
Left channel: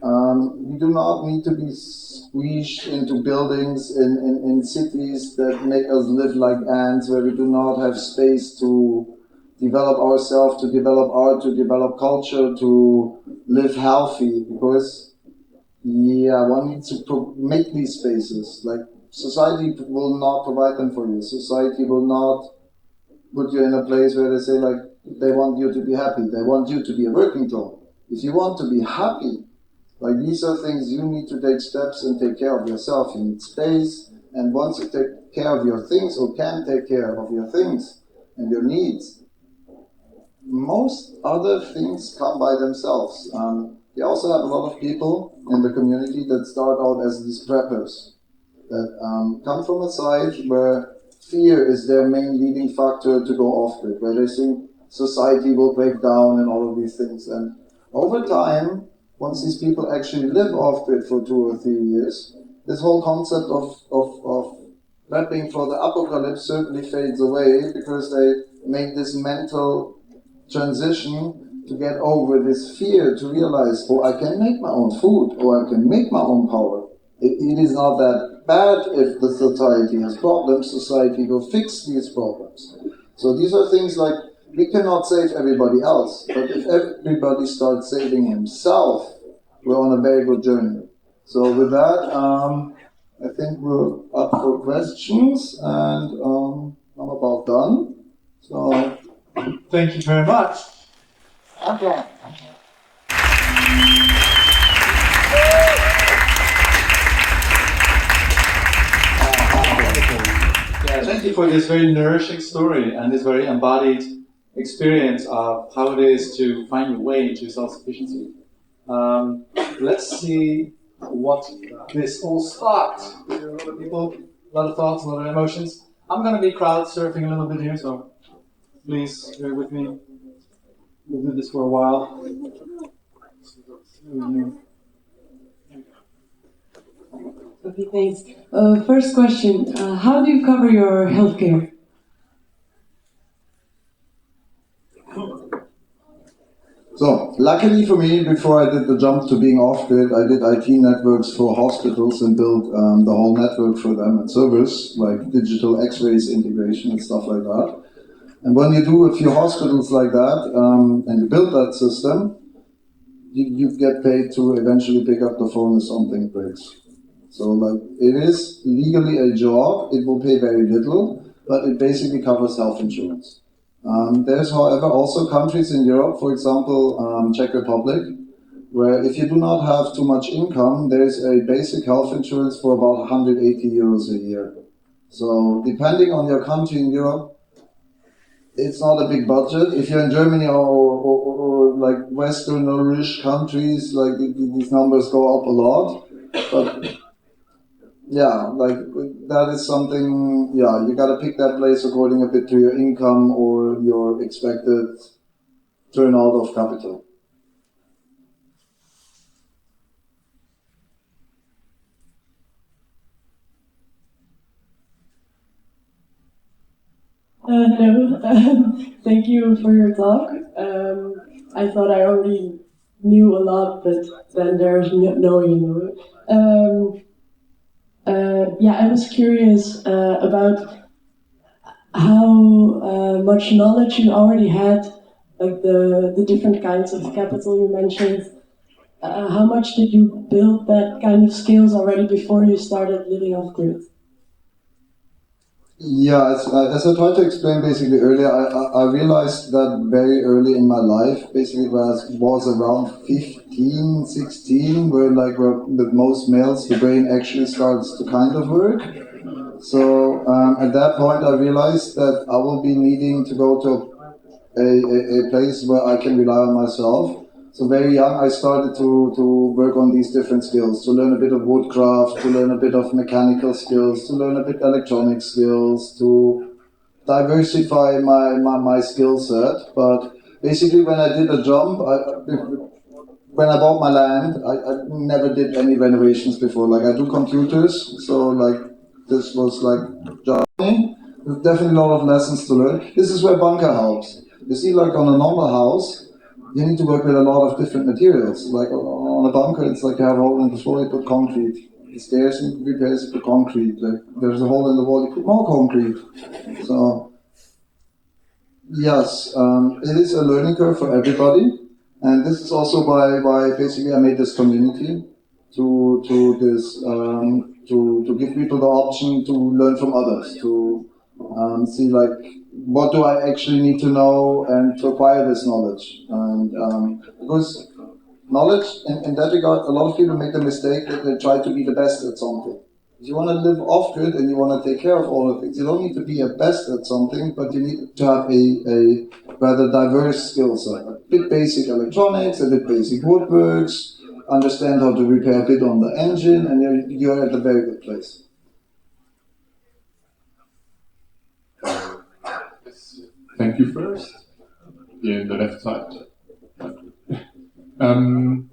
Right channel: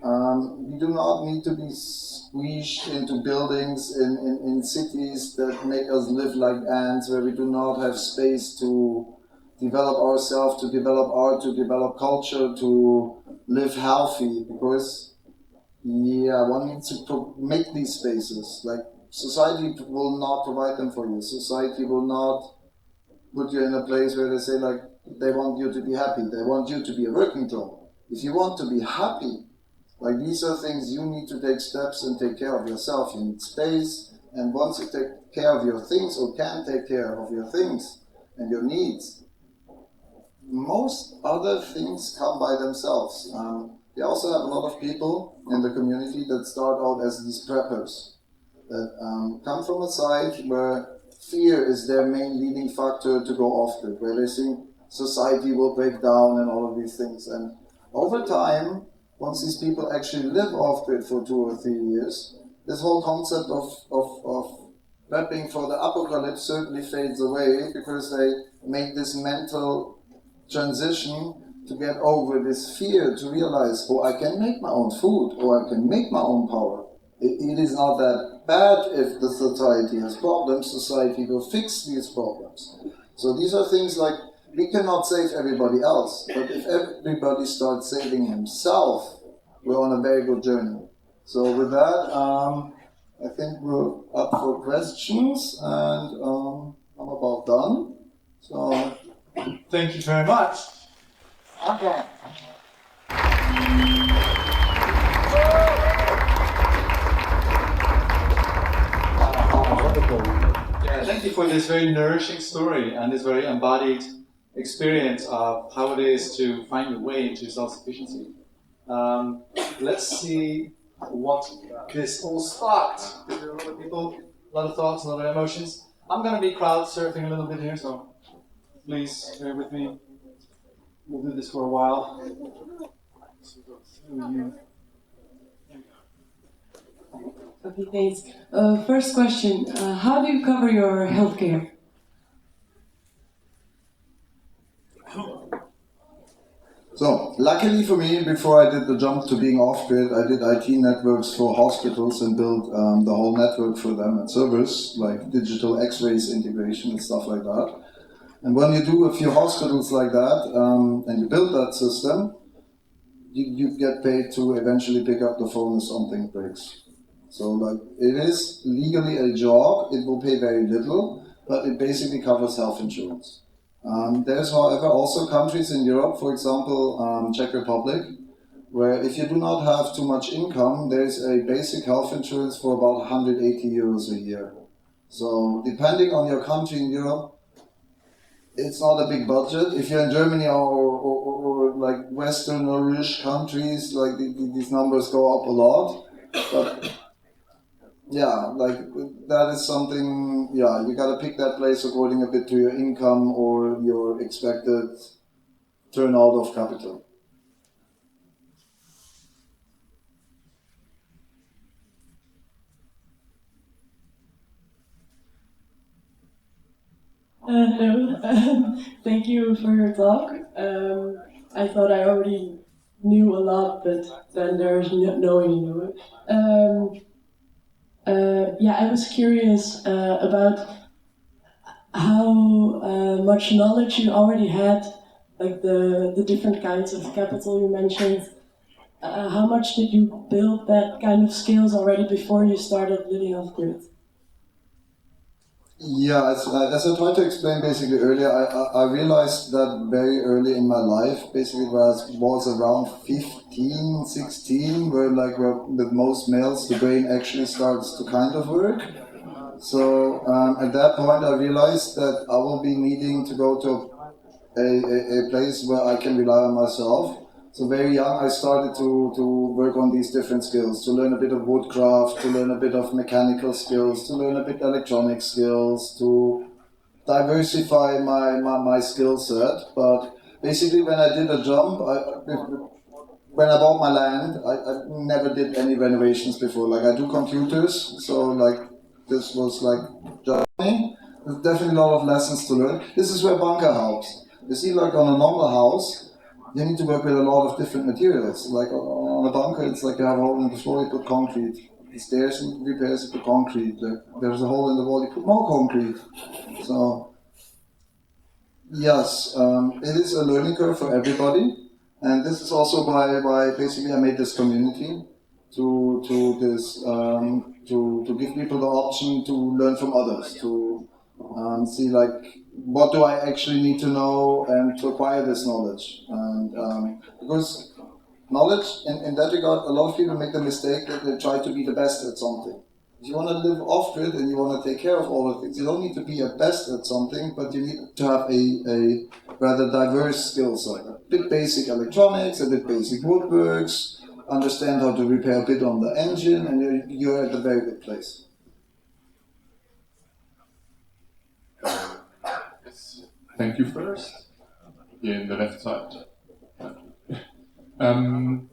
We do not need to be squeezed into buildings in cities that make us live like ants, where we do not have space to develop ourselves, to develop art, to develop culture, to live healthy, because one needs to make these spaces. Like, society will not provide them for you. Society will not put you in a place where they say like, they want you to be happy, they want you to be a working dog. If you want to be happy, like these are things you need to take steps and take care of yourself. You need space, and once you take care of your things, or can take care of your things and your needs, most other things come by themselves. We also have a lot of people in the community that start out as these preppers that come from a site where fear is their main leading factor to go off-grid, where they think society will break down and all of these things. And over time, once these people actually live off-grid for 2 or 3 years, this whole concept of prepping for the apocalypse certainly fades away because they make this mental transition to get over this fear, to realize, oh, I can make my own food, or I can make my own power. It is not that bad if the society has problems, society will fix these problems. So these are things like, we cannot save everybody else, but if everybody starts saving himself, we're on a very good journey. So with that, I think we're up for questions, and I'm about done. So Thank you very much. okay. Yeah, thank you for this very nourishing story and this very embodied experience of how it is to find your way to self-sufficiency. Let's see what this all sparked. A lot of people, a lot of thoughts, a lot of emotions. I'm going to be crowd surfing a little bit here, so please bear with me. We'll do this for a while. Okay, thanks. First question, how do you cover your healthcare? So, luckily for me, before I did the jump to being off-grid, I did IT networks for hospitals and built the whole network for them and servers, like digital x-rays integration and stuff like that. And when you do a few hospitals like that, and you build that system, you get paid to eventually pick up the phone if something breaks. So like, it is legally a job, it will pay very little, but it basically covers health insurance. There's, however, also countries in Europe, for example, Czech Republic, where if you do not have too much income, there's a basic health insurance for about 180 euros a year. So depending on your country in Europe, it's not a big budget. If you're in Germany or like Western-ish countries, like these numbers go up a lot. But yeah, like that is something, yeah, you gotta pick that place according a bit to your income or your expected turnout of capital. Hello, thank you for your talk. I thought I already knew a lot, but then there's knowing you know it. Yeah, I was curious about how much knowledge you already had, like the different kinds of capital you mentioned. How much did you build that kind of skills already before you started living off-grid? Yeah, as I tried to explain basically earlier, I realized that very early in my life, basically when I was around 15, 16, where like with most males, the brain actually starts to kind of work. So at that point I realized that I will be needing to go to a place where I can rely on myself. So very young I started to work on these different skills, to learn a bit of woodcraft, to learn a bit of mechanical skills, to learn a bit electronic skills, to diversify my skill set. But basically when I did a jump, when I bought my land, I never did any renovations before. Like I do computers, so like this was like journey. There's definitely a lot of lessons to learn. This is where bunker helps. You see, like on a normal house, you need to work with a lot of different materials. Like on a bunker, it's like you have a hole in the floor, you put concrete. The stairs need to be repaired, you put concrete. Like there's a hole in the wall, you put more concrete. So yes, it is a learning curve for everybody. And this is also why basically I made this community to give people the option to learn from others, to see like what do I actually need to know and to acquire this knowledge. And because knowledge, in that regard, a lot of people make the mistake that they try to be the best at something. If you want to live off-grid and you want to take care of all of things, you don't need to be a best at something, but you need to have a rather diverse skill set. A bit basic electronics, a bit basic woodworks, understand how to repair a bit on the engine, and you're at a very good place. Thank you first. In the left side. And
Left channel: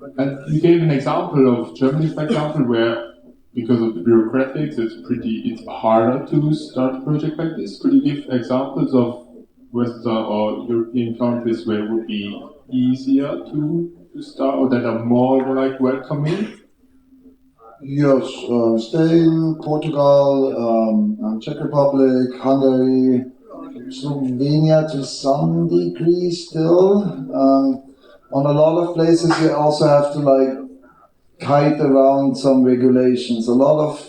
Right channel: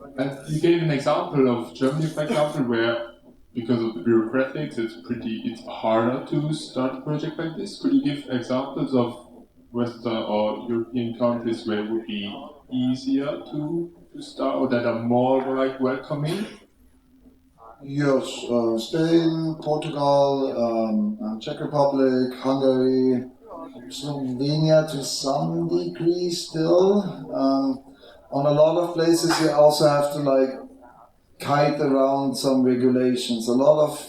you gave an example of Germany, for example, where because of the bureaucratics, it's harder to start a project like this. Could you give examples of Western or European countries where it would be easier to start, or that are more like welcoming? Yes, Spain, Portugal, Czech Republic, Hungary, Slovenia to some degree still. On a lot of places you also have to like kite around some regulations. A lot of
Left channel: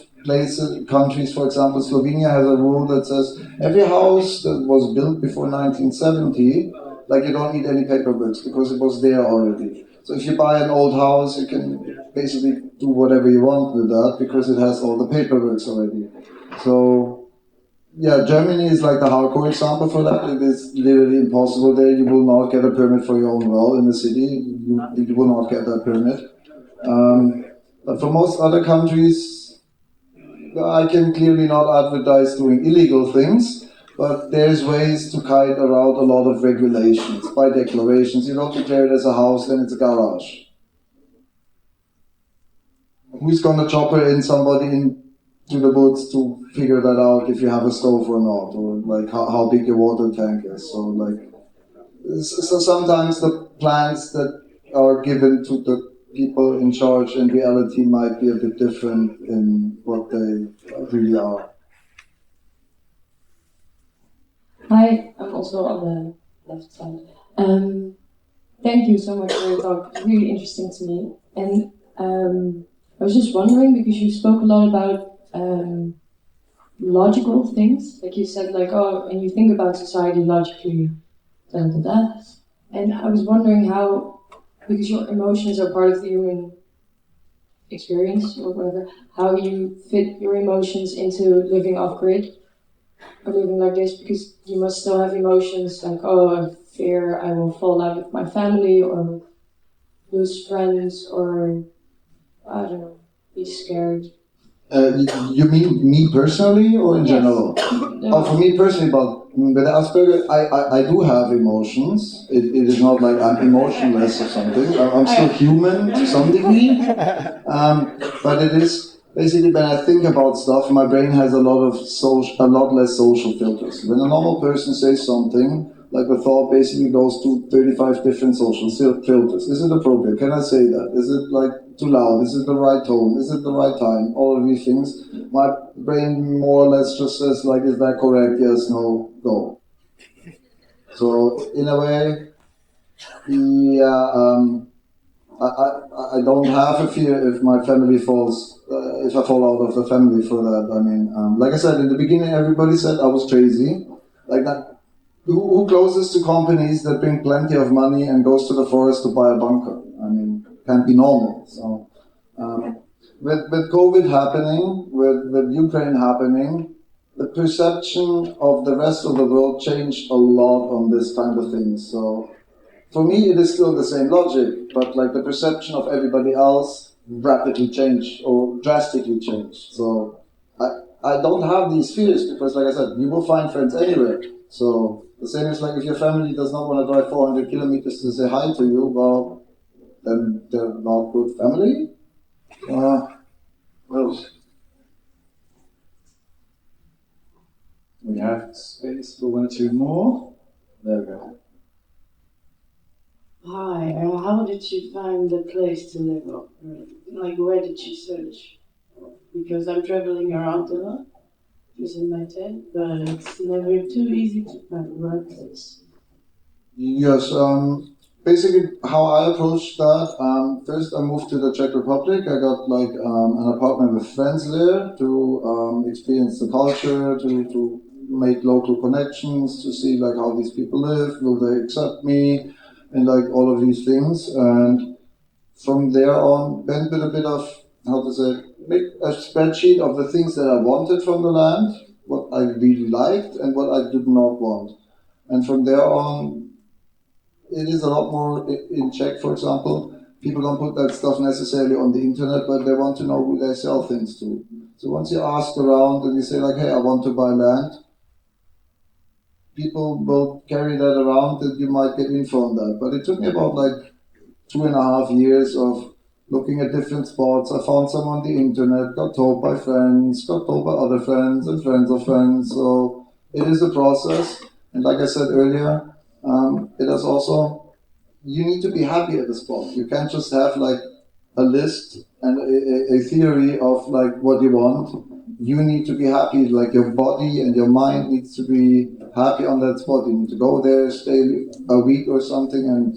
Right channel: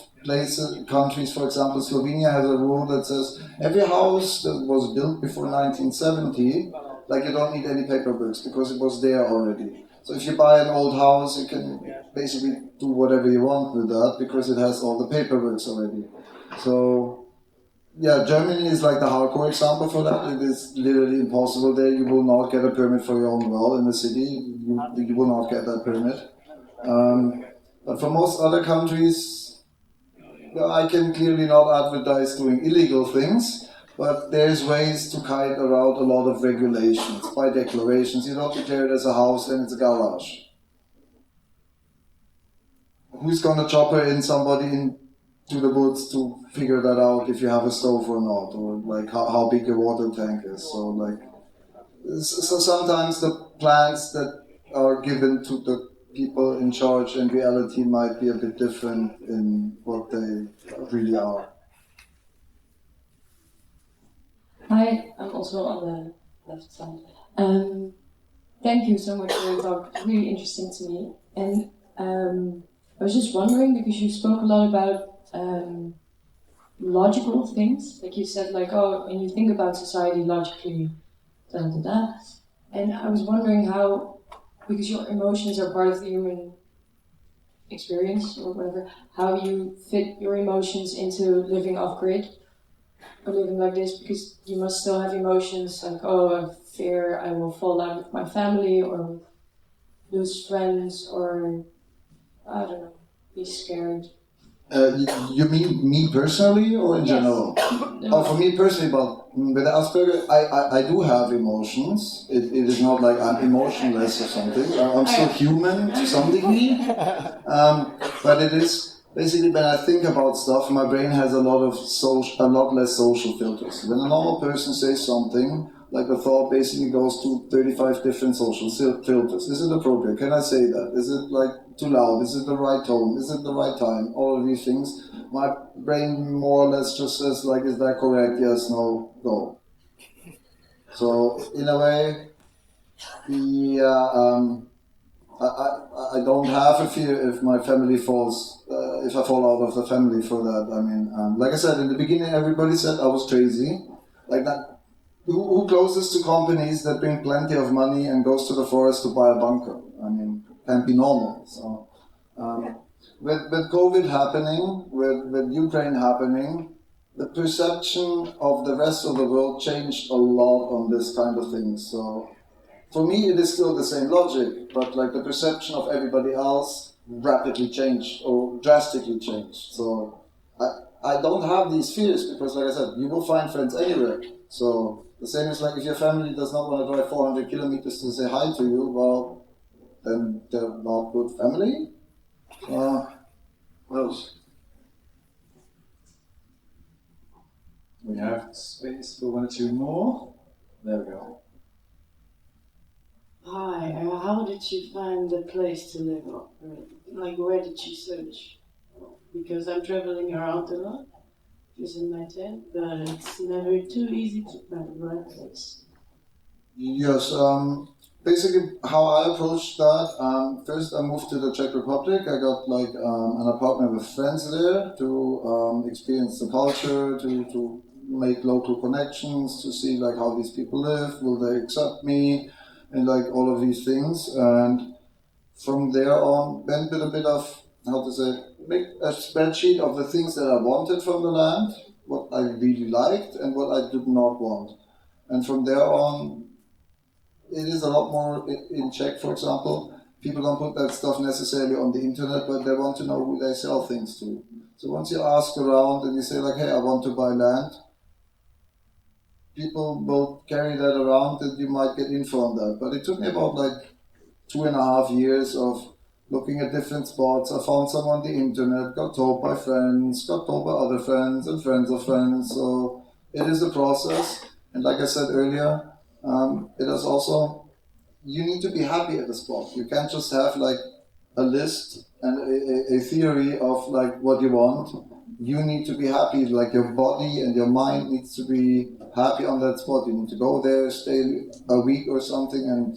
countries, for example, Slovenia has a rule that says every house that was built before 1970, like you don't need any paperwork because it was there already. So if you buy an old house, you can basically do whatever you want with that because it has all the paperwork already. So yeah, Germany is like the hardcore example for that. It is literally impossible there. You will not get a permit for your own well in the city. You will not get that permit. But for most other countries, I can clearly not advertise doing illegal things, but there's ways to kite around a lot of regulations by declarations. You don't declare it as a house, then it's a garage. Who's gonna chopper in somebody into the woods to figure that out if you have a stove or not, or like how big your water tank is? So sometimes the plans that are given to the people in charge in reality might be a bit different in what they really are. Hi, I'm also on the left side. Thank you so much for your talk. Really interesting to me. And I was just wondering, because you spoke a lot about logical things, like you said, like, oh, and you think about society logically, da, da, da, da. And I was wondering how, because your emotions are part of the human experience or whatever, how you fit your emotions into living off-grid or living like this, because you must still have emotions like, oh, I fear I will fall out with my family or lose friends or, I don't know, be scared. You mean me personally or in Yes. general? No. Oh, for me personally, but with Asperger, I do have emotions. It is not like I'm emotionless or something. I'm still human to some degree. But it is basically when I think about stuff, my brain has a lot less social filters. When a normal person says something, like the thought basically goes to 35 different social filters. Is it appropriate? Can I say that? Is it like too loud? Is it the right tone? Is it the right time? All of these things. My brain more or less just says like, is that correct? Yes, no, go. So in a way, yeah, I don't have a fear if my family falls, if I fall out of the family for that. I mean, like I said, in the beginning, everybody said I was crazy. Like that. Who closes to companies that bring plenty of money and goes to the forest to buy a bunker? I mean, can't be normal. So, with COVID happening, with Ukraine happening, the perception of the rest of the world changed a lot on this kind of thing. So, for me, it is still the same logic, but like the perception of everybody else rapidly changed or drastically changed. So, I don't have these fears because, like I said, you will find friends anywhere. So. The same is like if your family does not want to drive 400 kilometers to say hi to you, well, then they're not good family. What else? We have space for one or two more. There we go. Hi, how did you find the place to live off? Like, where did you search? Because I'm traveling around a lot using my tent, but it's never too easy to find the right place. Yes, basically how I approached that, first I moved to the Czech Republic. I got like an apartment with friends there to experience the culture, to make local connections, to see like how these people live, will they accept me, and like all of these things. And from there on, went with a bit of, how to say, make a spreadsheet of the things that I wanted from the land, what I really liked and what I did not want. And from there on, it is a lot more in Czech, for example. people don't put that stuff necessarily on the internet, but they want to know who they sell things to. So once you ask around and you say like, hey, I want to buy land, people will carry that around and you might get info on that. But it took me about like 2.5 years of looking at different spots. I found some on the internet, got told by friends, got told by other friends and friends of friends. So it is a process. And like I said earlier, it is also, you need to be happy at the spot. You can't just have like a list and a theory of like what you want. You need to be happy, like your body and your mind needs to be happy on that spot. You need to go there, stay a week or something, and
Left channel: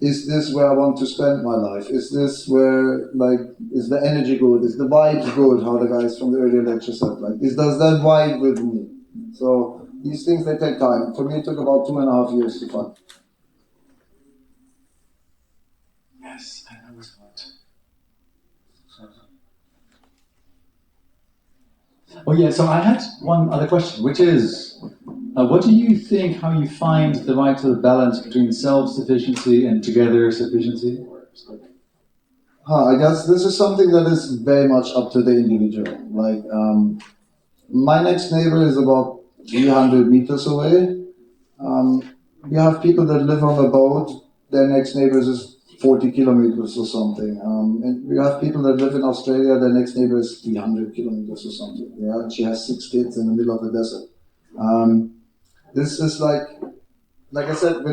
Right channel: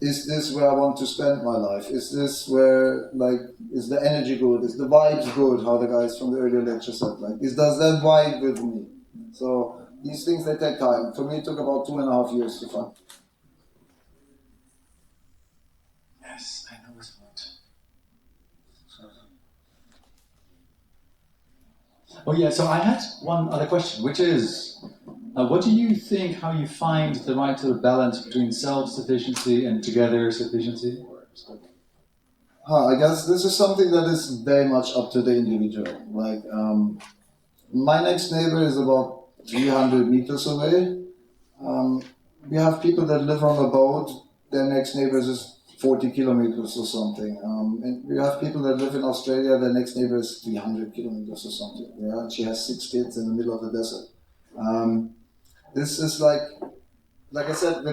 is this where I want to spend my life? Is this where, like, is the energy good? Is the vibes good? How the guys from the earlier lecture said, like, does that vibe with me? So these things, they take time. For me, it took about 2.5 years to find. Yes, I know it's hard. Oh yeah, so I had one other question, which is, what do you think, how you find the right sort of balance between self-sufficiency and together sufficiency? I guess this is something that is very much up to the individual. Like, my next neighbor is about 300 meters away. We have people that live on a boat, their next neighbor is 40 kilometers or something. And we have people that live in Australia, their next neighbor is 300 kilometers or something. Yeah, and she has 6 kids in the middle of the desert. This is like I said,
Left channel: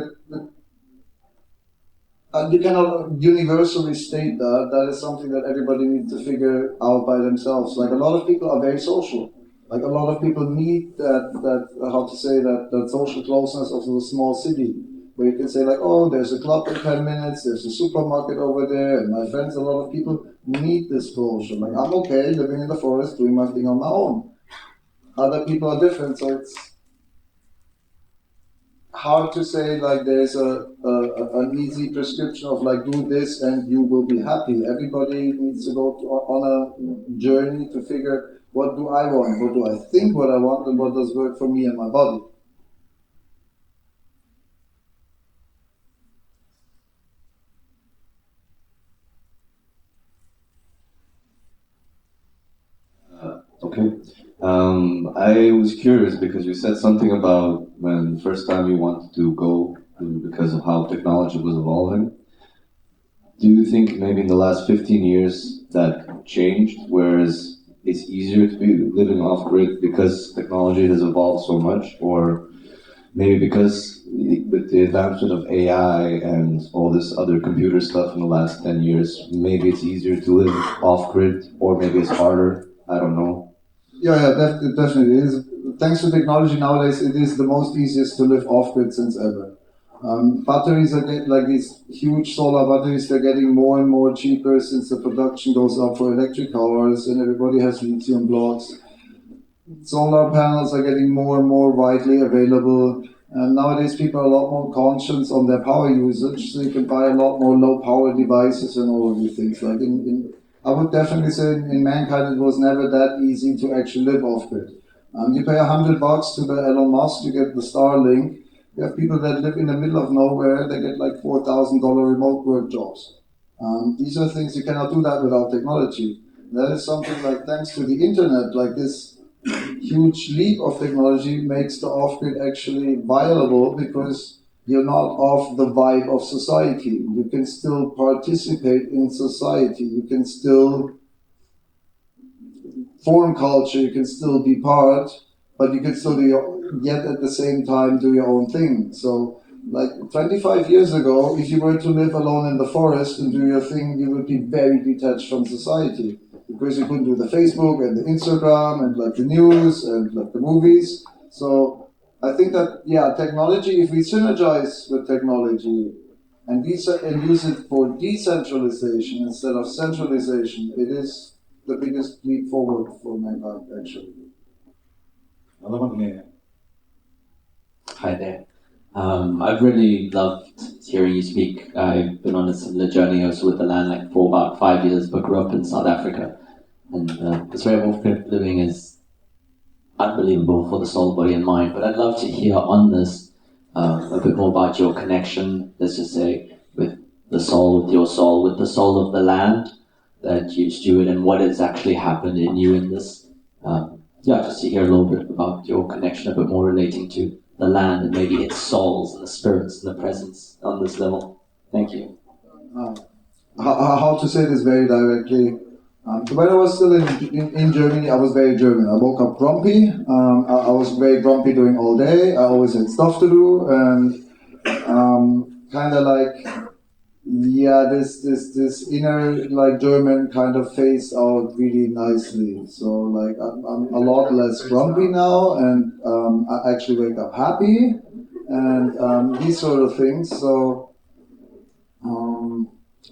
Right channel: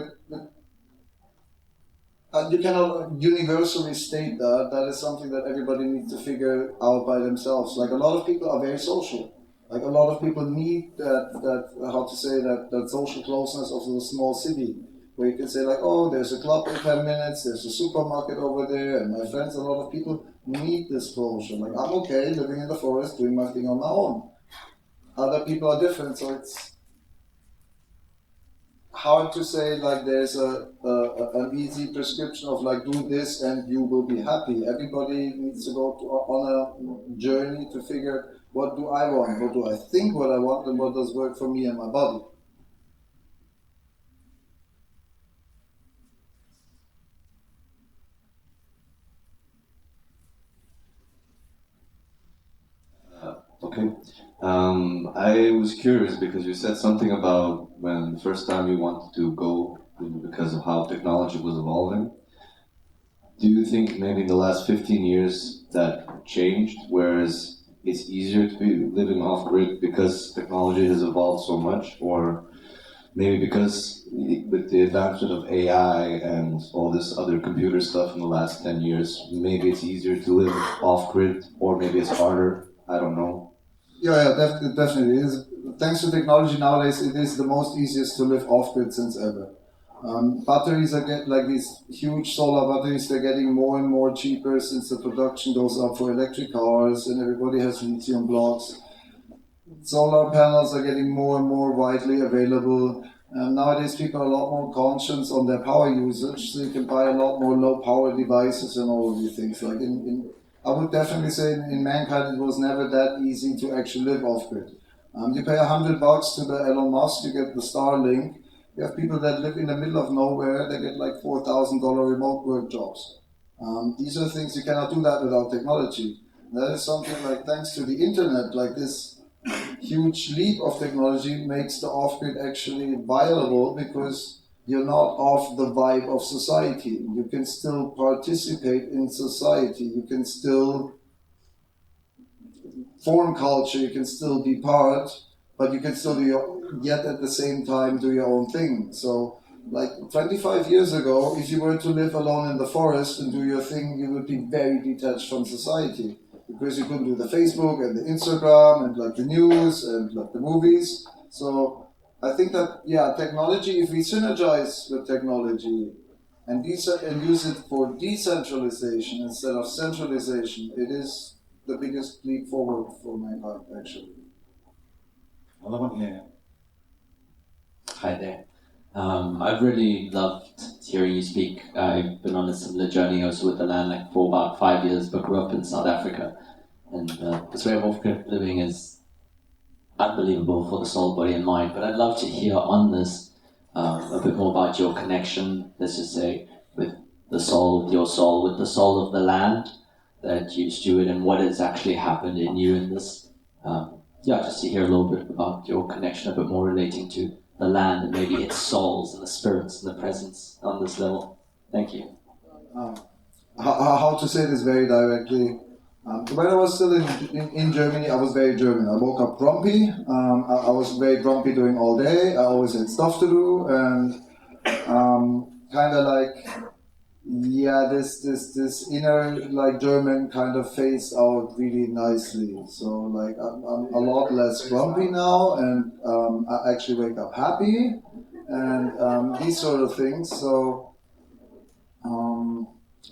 and you cannot universally state that. That is something that everybody needs to figure out by themselves. Like, a lot of people are very social. Like, a lot of people need that social closeness of the small city, where you can say like, oh, there's a club in 10 minutes, there's a supermarket over there, and my friends, a lot of people need this closure. Like, I'm okay living in the forest, doing my thing on my own. Other people are different, so it's hard to say like there's an easy prescription of like, do this and you will be happy. Everybody needs to go on a journey to figure, what do I want, what do I think what I want, and what does work for me and my body. Okay. I was curious because you said something about when the first time you wanted to go because of how technology was evolving. Do you think maybe in the last 15 years that changed, whereas it's easier to be living off-grid because technology has evolved so much, or maybe because with the advancement of AI and all this other computer stuff in the last 10 years, maybe it's easier to live off-grid, or maybe it's harder, I don't know. Yeah, definitely. It is. Thanks to technology nowadays, it is the most easiest to live off-grid since ever. Batteries are like these huge solar batteries, they're getting more and more cheaper since the production goes up for electric cars and everybody has lithium blocks. Solar panels are getting more and more widely available. And nowadays people are a lot more conscious on their power usage, so you can buy a lot more low power devices and all of these things. Like I would definitely say in mankind it was never that easy to actually live off-grid. You pay $100 to the Elon Musk, you get the Starlink. You have people that live in the middle of nowhere, they get like $4,000 remote work jobs. These are things you cannot do that without technology. That is something like, thanks to the internet, like this huge leap of technology makes the off-grid actually viable, because you're not off the vibe of society. You can still participate in society. You can still form culture. You can still be part, but you can still yet at the same time do your own thing. So, like 25 years ago, if you were to live alone in the forest and do your thing, you would be very detached from society, because you couldn't do the Facebook and the Instagram and like the news and like the movies. So I think that, yeah, technology, if we synergize with technology and use it for decentralization instead of centralization, it is the biggest leap forward for mankind, actually. Another one here. Hi there. I've really loved hearing you speak. I've been on a similar journey also with the land, like for about 5 years, but grew up in South Africa. And this way of off-grid living is unbelievable for the soul, body, and mind. But I'd love to hear on this a bit more about your connection, let's just say, with the soul with your soul, with the soul of the land that you steward, and what has actually happened in you in this. Just to hear a little bit about your connection, a bit more relating to the land and maybe its souls and the spirits and the presence on this level. Thank you. How to say this very directly? When I was still in Germany, I was very German. I woke up grumpy. I was very grumpy doing all day. I always had stuff to do, and kind of like, this inner like German kind of phased out really nicely. So like I'm a lot less grumpy now, and I actually wake up happy, and these sort of things. So.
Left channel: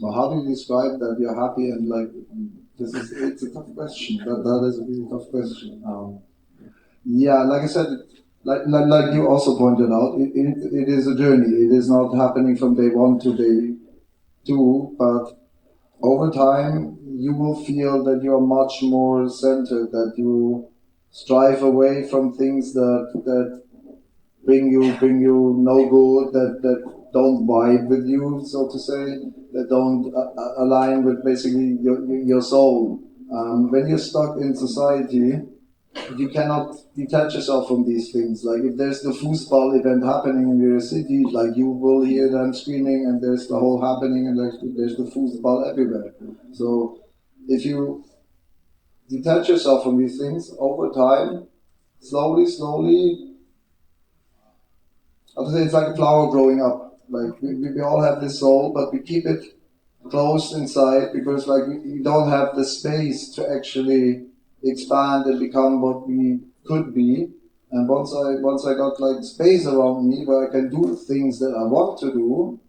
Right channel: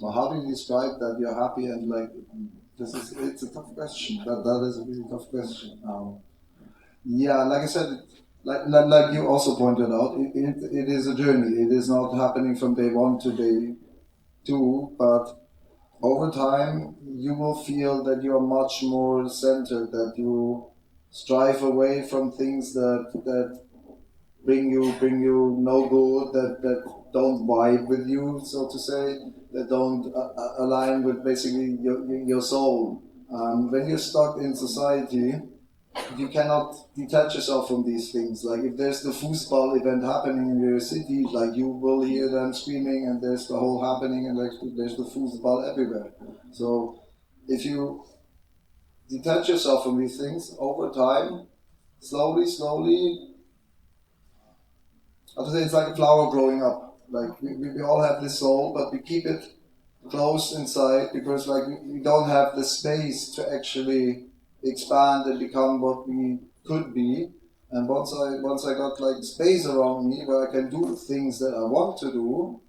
Well, how do you describe that you're happy and like it's a tough question. That is a really tough question. Like I said, like you also pointed out, it is a journey. It is not happening from day one to day two, but over time you will feel that you're much more centered, that you strive away from things that bring you no good, that don't vibe with you, so to say, that don't align with basically your soul. When you're stuck in society, you cannot detach yourself from these things. Like if there's the foosball event happening in your city, like you will hear them screaming, and there's the whole happening, and like there's the foosball everywhere. So if you detach yourself from these things over time, slowly, I would say it's like a flower growing up. Like we all have this soul, but we keep it closed inside because like we don't have the space to actually expand and become what we could be. And once I got like space around me where I can do things that I want to do,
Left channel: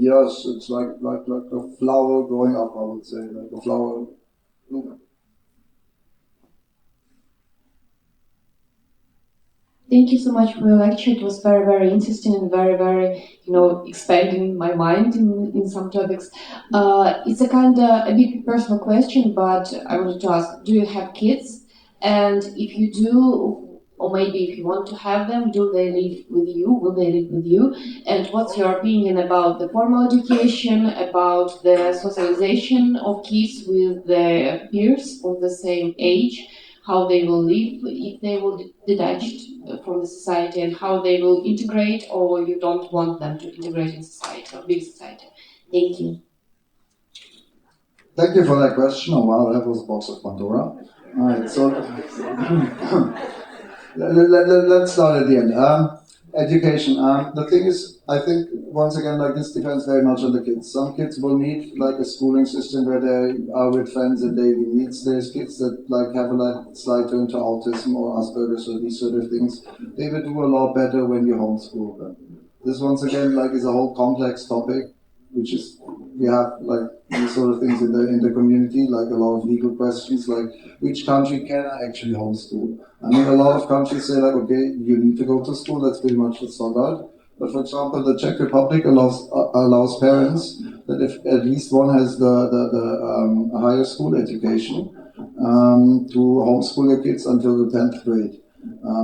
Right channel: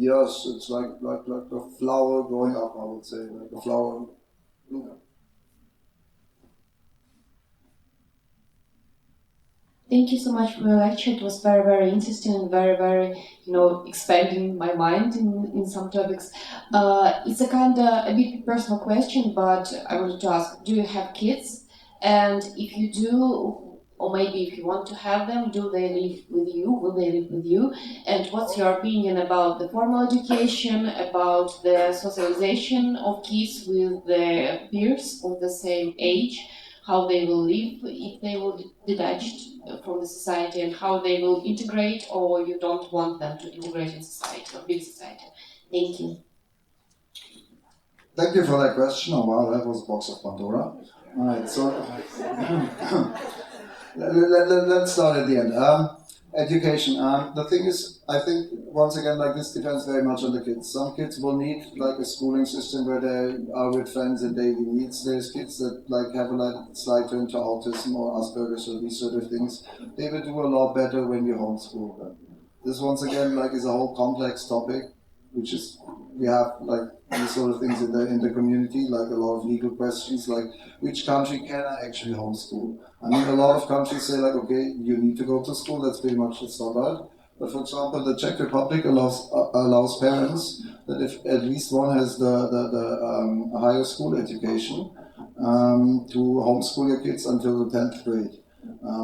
yes, it's like a flower growing up. I would say like a flower. Thank you so much for your lecture. It was very, very interesting and very, very, expanding my mind in some topics. It's a kind of a bit personal question, but I wanted to ask, do you have kids? And if you do, or maybe if you want to have them, do they live with you? Will they live with you? And what's your opinion about the formal education, about the socialization of kids with their peers of the same age? How they will live if they will detached from the society, and how they will integrate, or you don't want them to integrate in society or big society. Thank you. Thank you for that question. Oh wow, that was a box of Pandora. Alright, so let's start at the end. Education. The thing is, I think once again, like this depends very much on the kids. Some kids will need like a schooling system where they are with friends and daily needs. There's kids that like have a slight turn to autism or Asperger's or these sort of things. They will do a lot better when you homeschool them. This once again like is a whole complex topic, which is we have like these sort of things in the community, like a lot of legal questions, like which country can I actually homeschool? I mean, a lot of countries say like, okay, you need to go to school. That's pretty much the standard. But for example, the Czech Republic allows parents that if at least one has the higher school education to homeschool their kids until the 10th grade.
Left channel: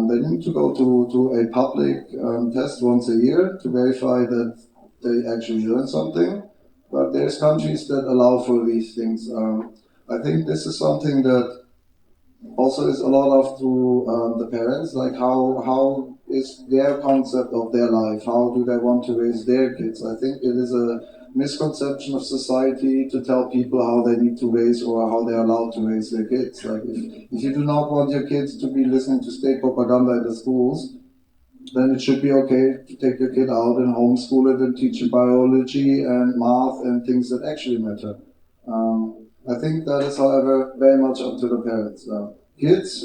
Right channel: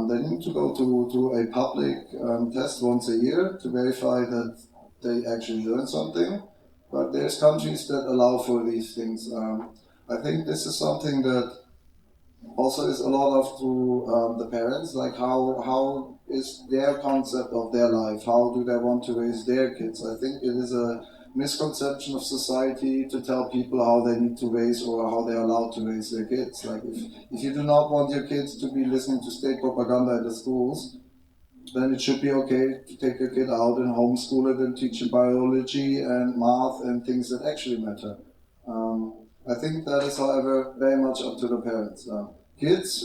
They need to go to a public test once a year to verify that they actually learn something. But there's countries that allow for these things. I think this is something that also is a lot of to the parents, like how is their concept of their life, how do they want to raise their kids. I think it is a misconception of society to tell people how they need to raise or how they're allowed to raise their kids. Like if you do not want your kids to be listening to state propaganda at the schools, then it should be okay to take your kid out and homeschool it and teach you biology and math and things that actually matter. I think that is, however, very much up to the parents. Kids,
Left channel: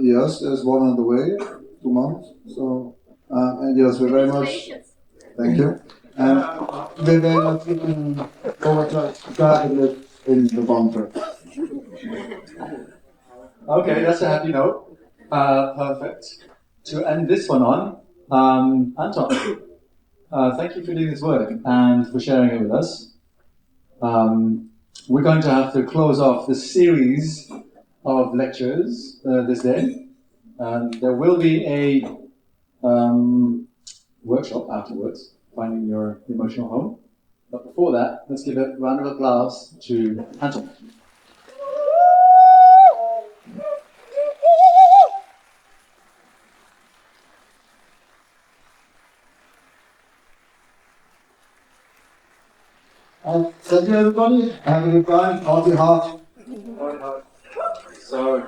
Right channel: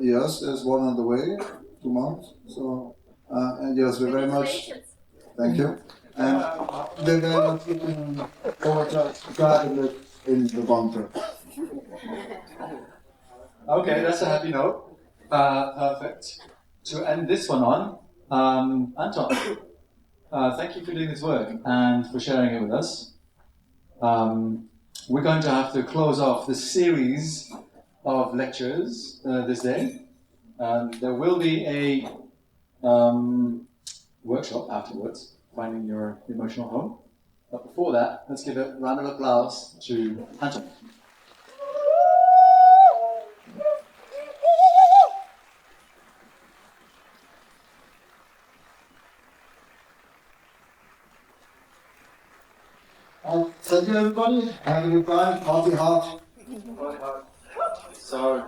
yes, there's one on the way, 2 months. So, and yes, we're very much. Thank you. And we're very much looking forward to that in the bunker. Okay, that's a happy note. Perfect. To end this one on, Anton, thank you for doing this work and for sharing it with us. We're going to have to close off this series of lectures this day. There will be a workshop afterwards finding your emotional home. But before that, let's give a round of applause to Anton. Thank you, everybody. Have a good time. Party hard. So,